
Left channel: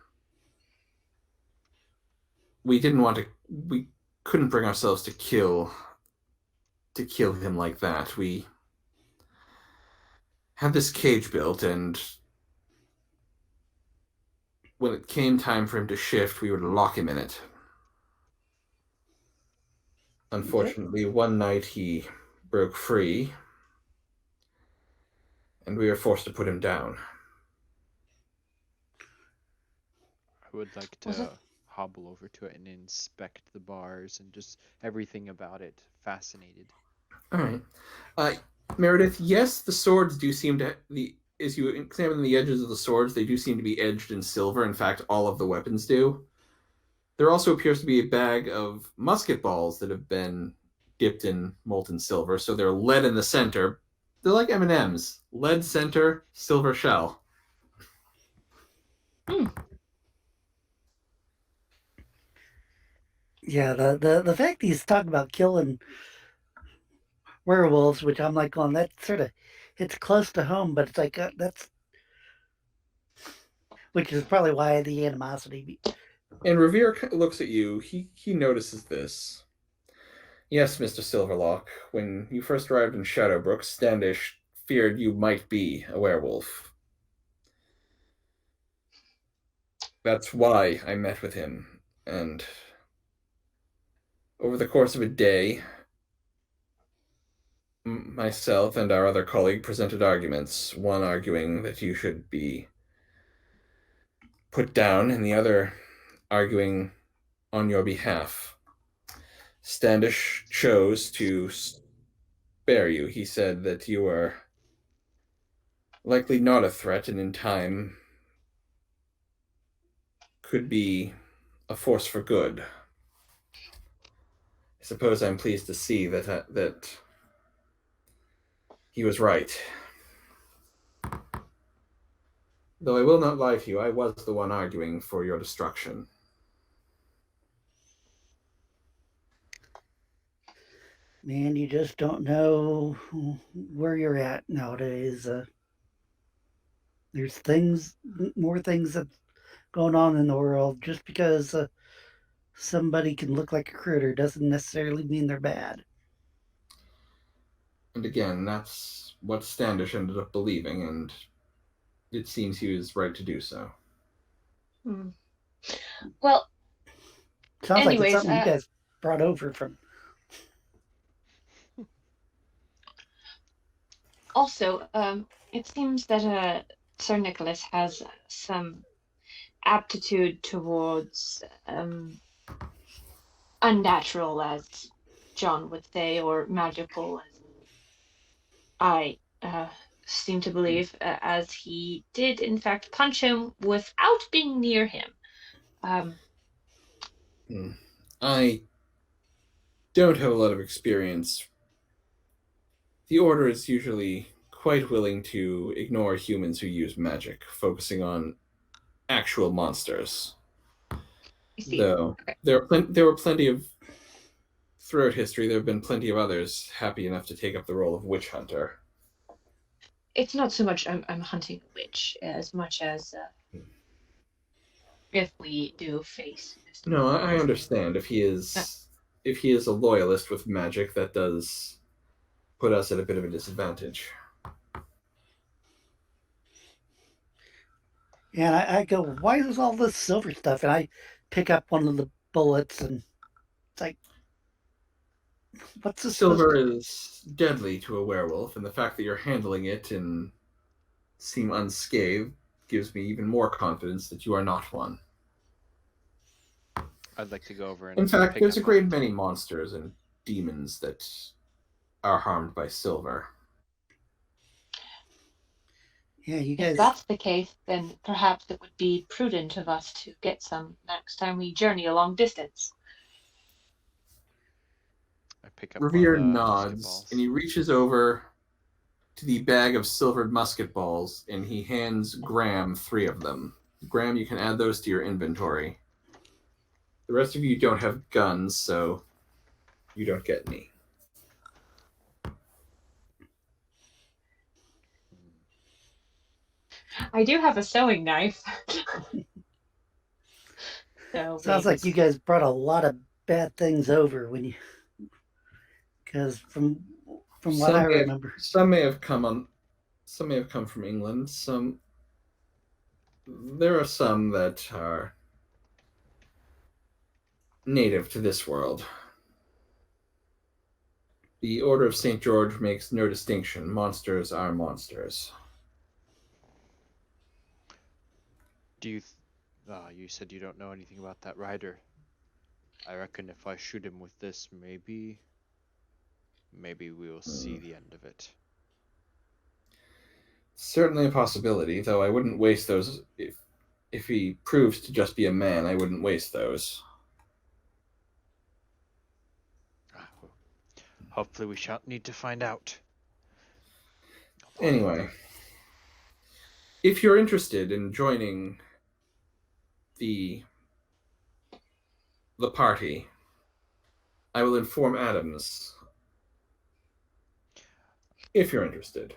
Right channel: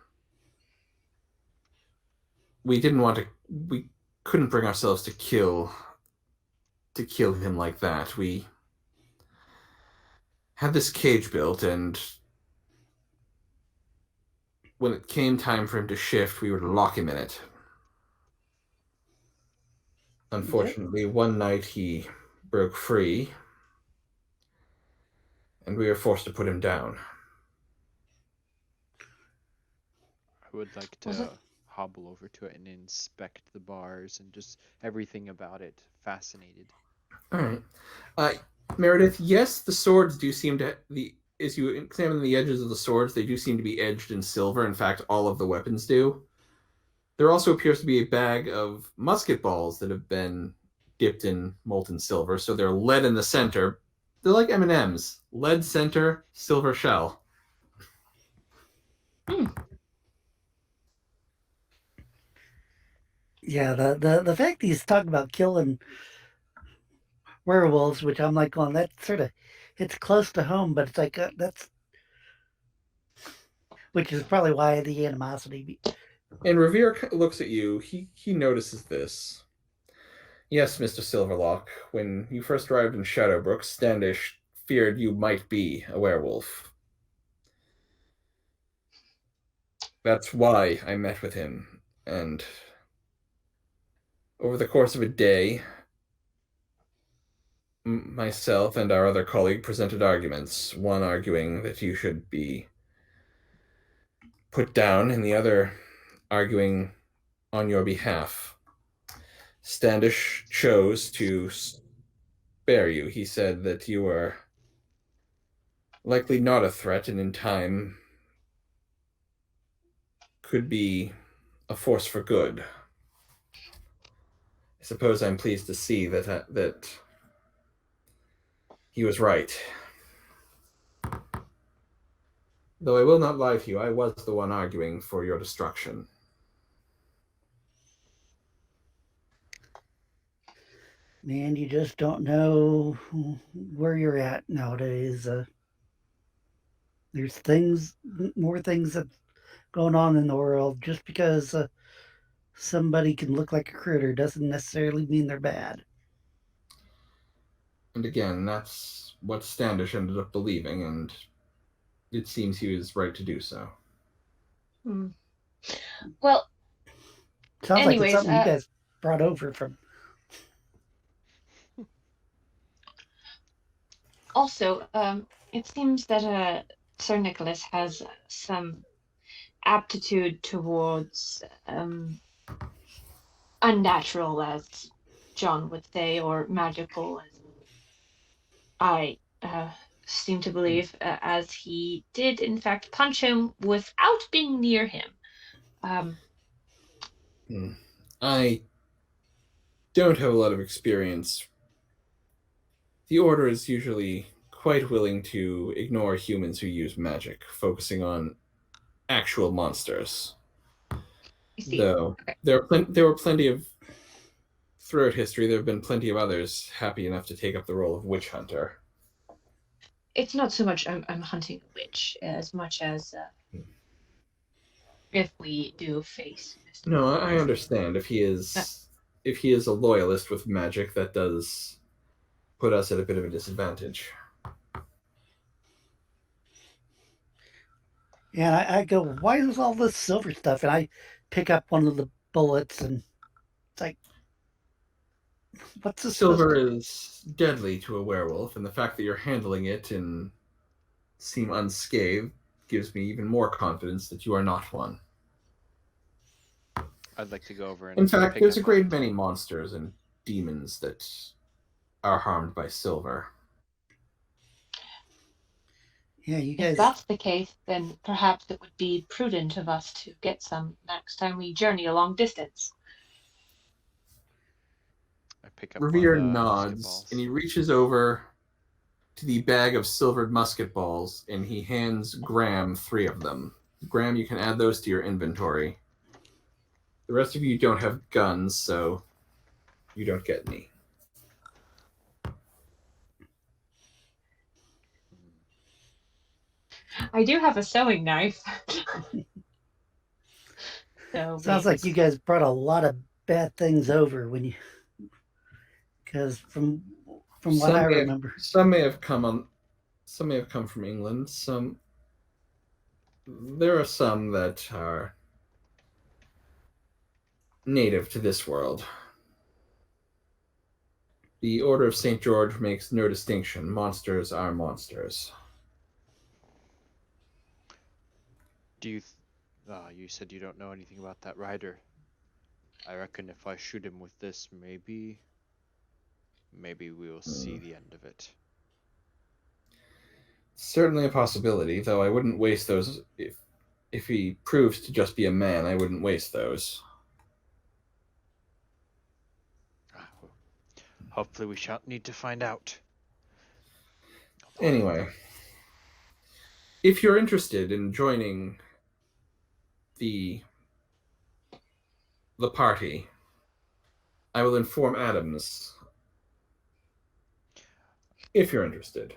We didn't want to. We couldn't bring ourselves to kill him like that. We had this cage built, and when it came time for him to shift, we would lock him in it. okay. Unfortunately, one night he broke free, and we were forced to put him down. I would like Was it? to hobble over to it and inspect the bars and just everything about it. Fascinated. All right, uh, Meredith. Yes, the swords do seem to the. As you examine the edges of the swords, they do seem to be edged in silver. In fact, all of the weapons do. There also appears to be a bag of musket balls that have been dipped in molten silver, so they're lead in the center. They're like M&Ms. Lead center, silver shell. Hmm. Yeah, the fact he's talking about killing werewolves, which I'm like, going, that sort of it's close to home, but it's like that's which is probably why the animosity. And Revere looks at you. He notices this. Yes, Mr. Silverlock. When you first arrived in Shadowbrook, Standish feared you might be a werewolf. That's why I met with him. And over the course of a day, myself and our other colleague presented arguments, one arguing that you should be put down, and the other arguing on your behalf. Standish chose to spare you. He said that you are likely not a threat, and in time could be a force for good. I suppose I'm pleased to see that he was right. Though I will not lie to you, I was the one arguing for your destruction. Man, you just don't know where you're at nowadays. There's more things that going on in the world. Just because somebody can look like a critter doesn't necessarily mean they're bad. And again, that's what Standish ended up believing, and it seems he was right to do so. Well, Sounds anyways, like it's something you guys brought over from. Also, it seems that Sir Nicholas has some aptitude towards unnatural, as John would say, or magical, as I seem to believe, as he did in fact punch him without being near him. I don't have a lot of experience. The Order is usually quite willing to ignore humans who use magic, focusing on actual monsters. I see. Though Okay. there were plenty of, throughout history, there have been plenty of others happy enough to take up the role of witch hunter. It's not so much I'm hunting a witch as much as if we do face. No, I understand. If he is a loyalist with magic, that does put us at a bit of a disadvantage. And I go, why is all this silver stuff? And I pick up one of the bullets, and it's like, what's this? Silver is deadly to a werewolf, and the fact that you're handling it and seem unscathed gives me even more confidence that you are not one. I'd like to go over and in fact, pick there's a up great on- many monsters and demons that are harmed by silver. Yeah, you guys. If that's the case, then perhaps it would be prudent of us to get some next time we journey a long distance. I pick up Revere one of the musket nods, balls. and he reaches over to the bag of silvered musket balls, and he hands Graham 3 of them. Graham, you can add those to your inventory. The rest of you don't have guns, so you don't get any. I do have a sewing knife. So Sounds like you guys brought a lot of bad things over when you, because from what I remember, some may have come from England. There are some that are native to this world. The Order of St. George makes no distinction. Monsters are monsters. Do you? You said you don't know anything about that rider. I reckon if I shoot him with this, maybe we will see the end of it. Certainly a possibility, though I wouldn't waste those. If he proves to just be a man, I wouldn't waste those. Well, hopefully we shan't need to find out. Anyway, if you're interested in joining the party, I will inform Adams if you're interested.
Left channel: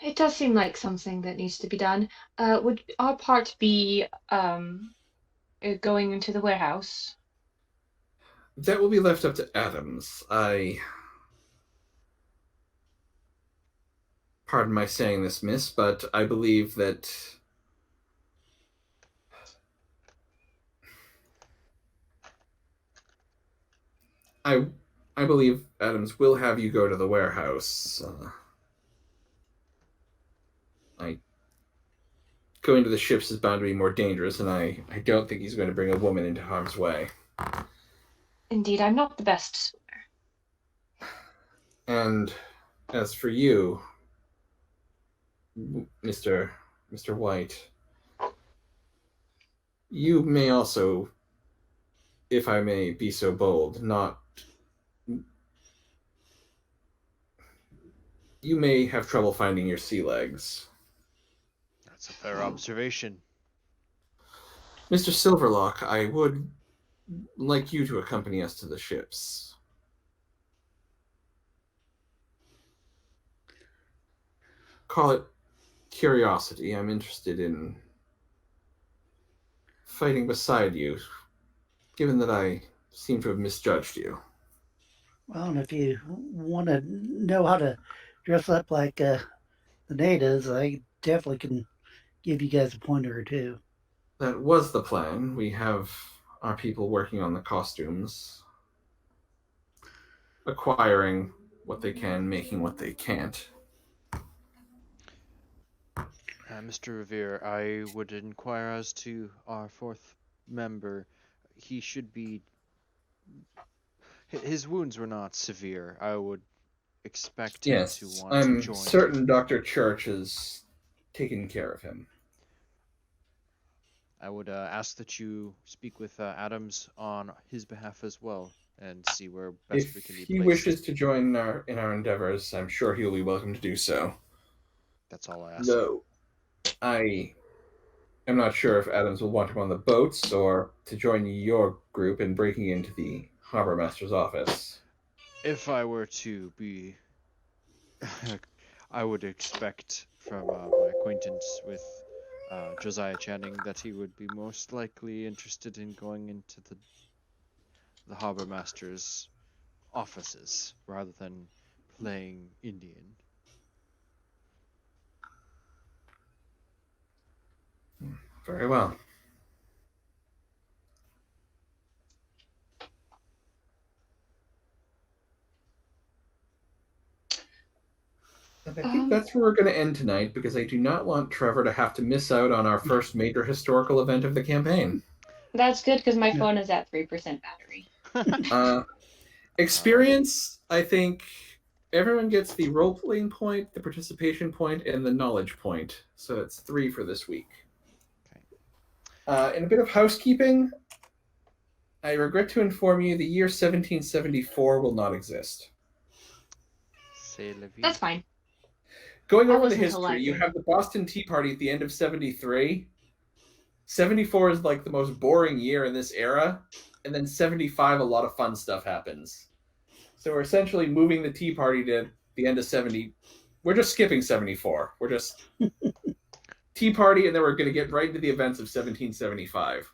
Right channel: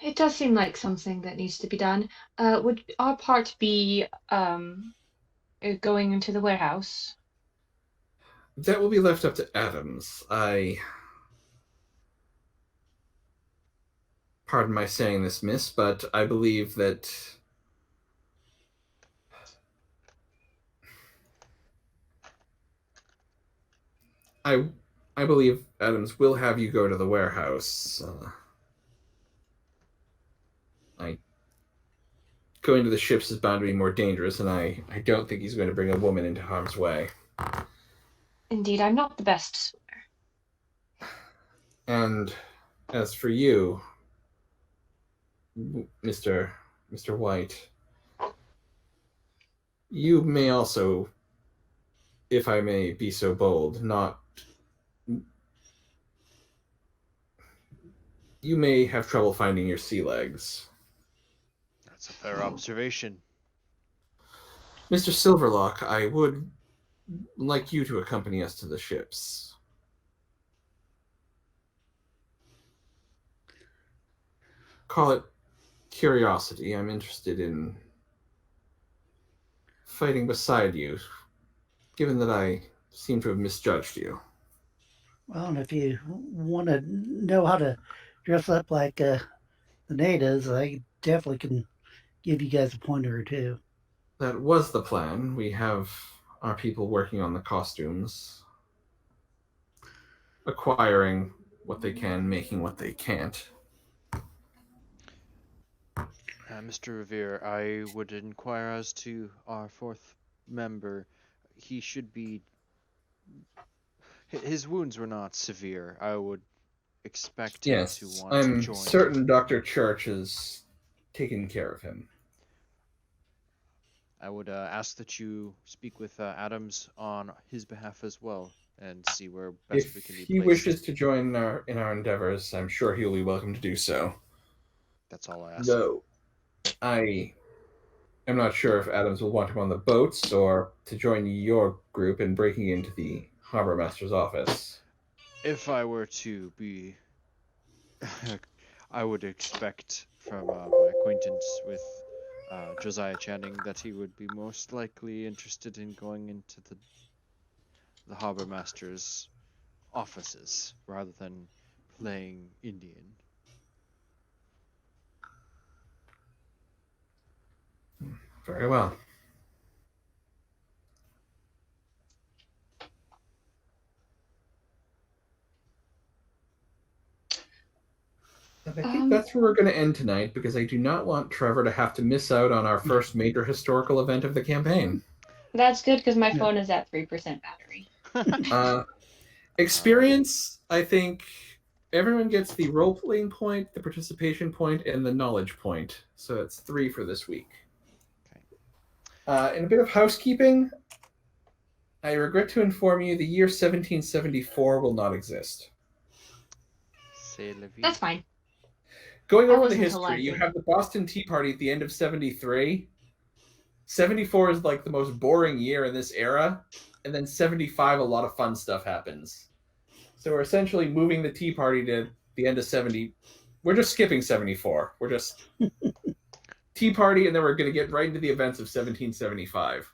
it does seem like something that needs to be done. Would our part be going into the warehouse? That will be left up to Adams. Pardon my saying this, miss, but I believe that I believe Adams will have you go to the warehouse. Going to the ships is bound to be more dangerous, and I don't think he's going to bring a woman into harm's way. Indeed, I'm not the best swimmer. And as for you, Mr. White, you may also, if I may be so bold, you may have trouble finding your sea legs. That's a fair observation. Mr. Silverlock, I would like you to accompany us to the ships. Call it curiosity. I'm interested in fighting beside you, given that I seem to have misjudged you. Well, and if you want to know how to dress up like the natives, I definitely can give you guys a pointer or two. That was the plan. We have our people working on the costumes, acquiring what they can, making what they can't. Mr. Revere, I would inquire as to our fourth member. He should be... His wounds were not severe. I would expect him to want to I'm join. certain Dr. Church is taking care of him. I would ask that you speak with Adams on his behalf as well, and see where best we can be If he placed. wishes to join in our endeavors, I'm sure he'll be welcome to do so. That's all I ask. Though, I am not sure if Adams will want him on the boats or to join your group in breaking into the harbor master's office. If I were to be... I would expect from my acquaintance with Josiah Channing that he would be most likely interested in going into the harbor master's offices rather than playing Indian. Very well. And I think that's where we're going to end tonight, because I do not want Trevor to have to miss out on our first major historical event of the campaign. That's good because my phone is at 3% battery. Experience, I think everyone gets the role-playing point, the participation point, and the knowledge point. So it's 3 for this week. Okay. In a bit of housekeeping, I regret to inform you the year 1774 will not exist. C'est la vie. That's fine. Going I over the wasn't history, you alive. have the Boston Tea Party at the end of 73. 74 is like the most boring year in this era, and then 75, a lot of fun stuff happens. So we're essentially moving the Tea Party to the end of 70. We're just skipping 74. We're just Tea Party, and then we're going to get right into the events of 1775.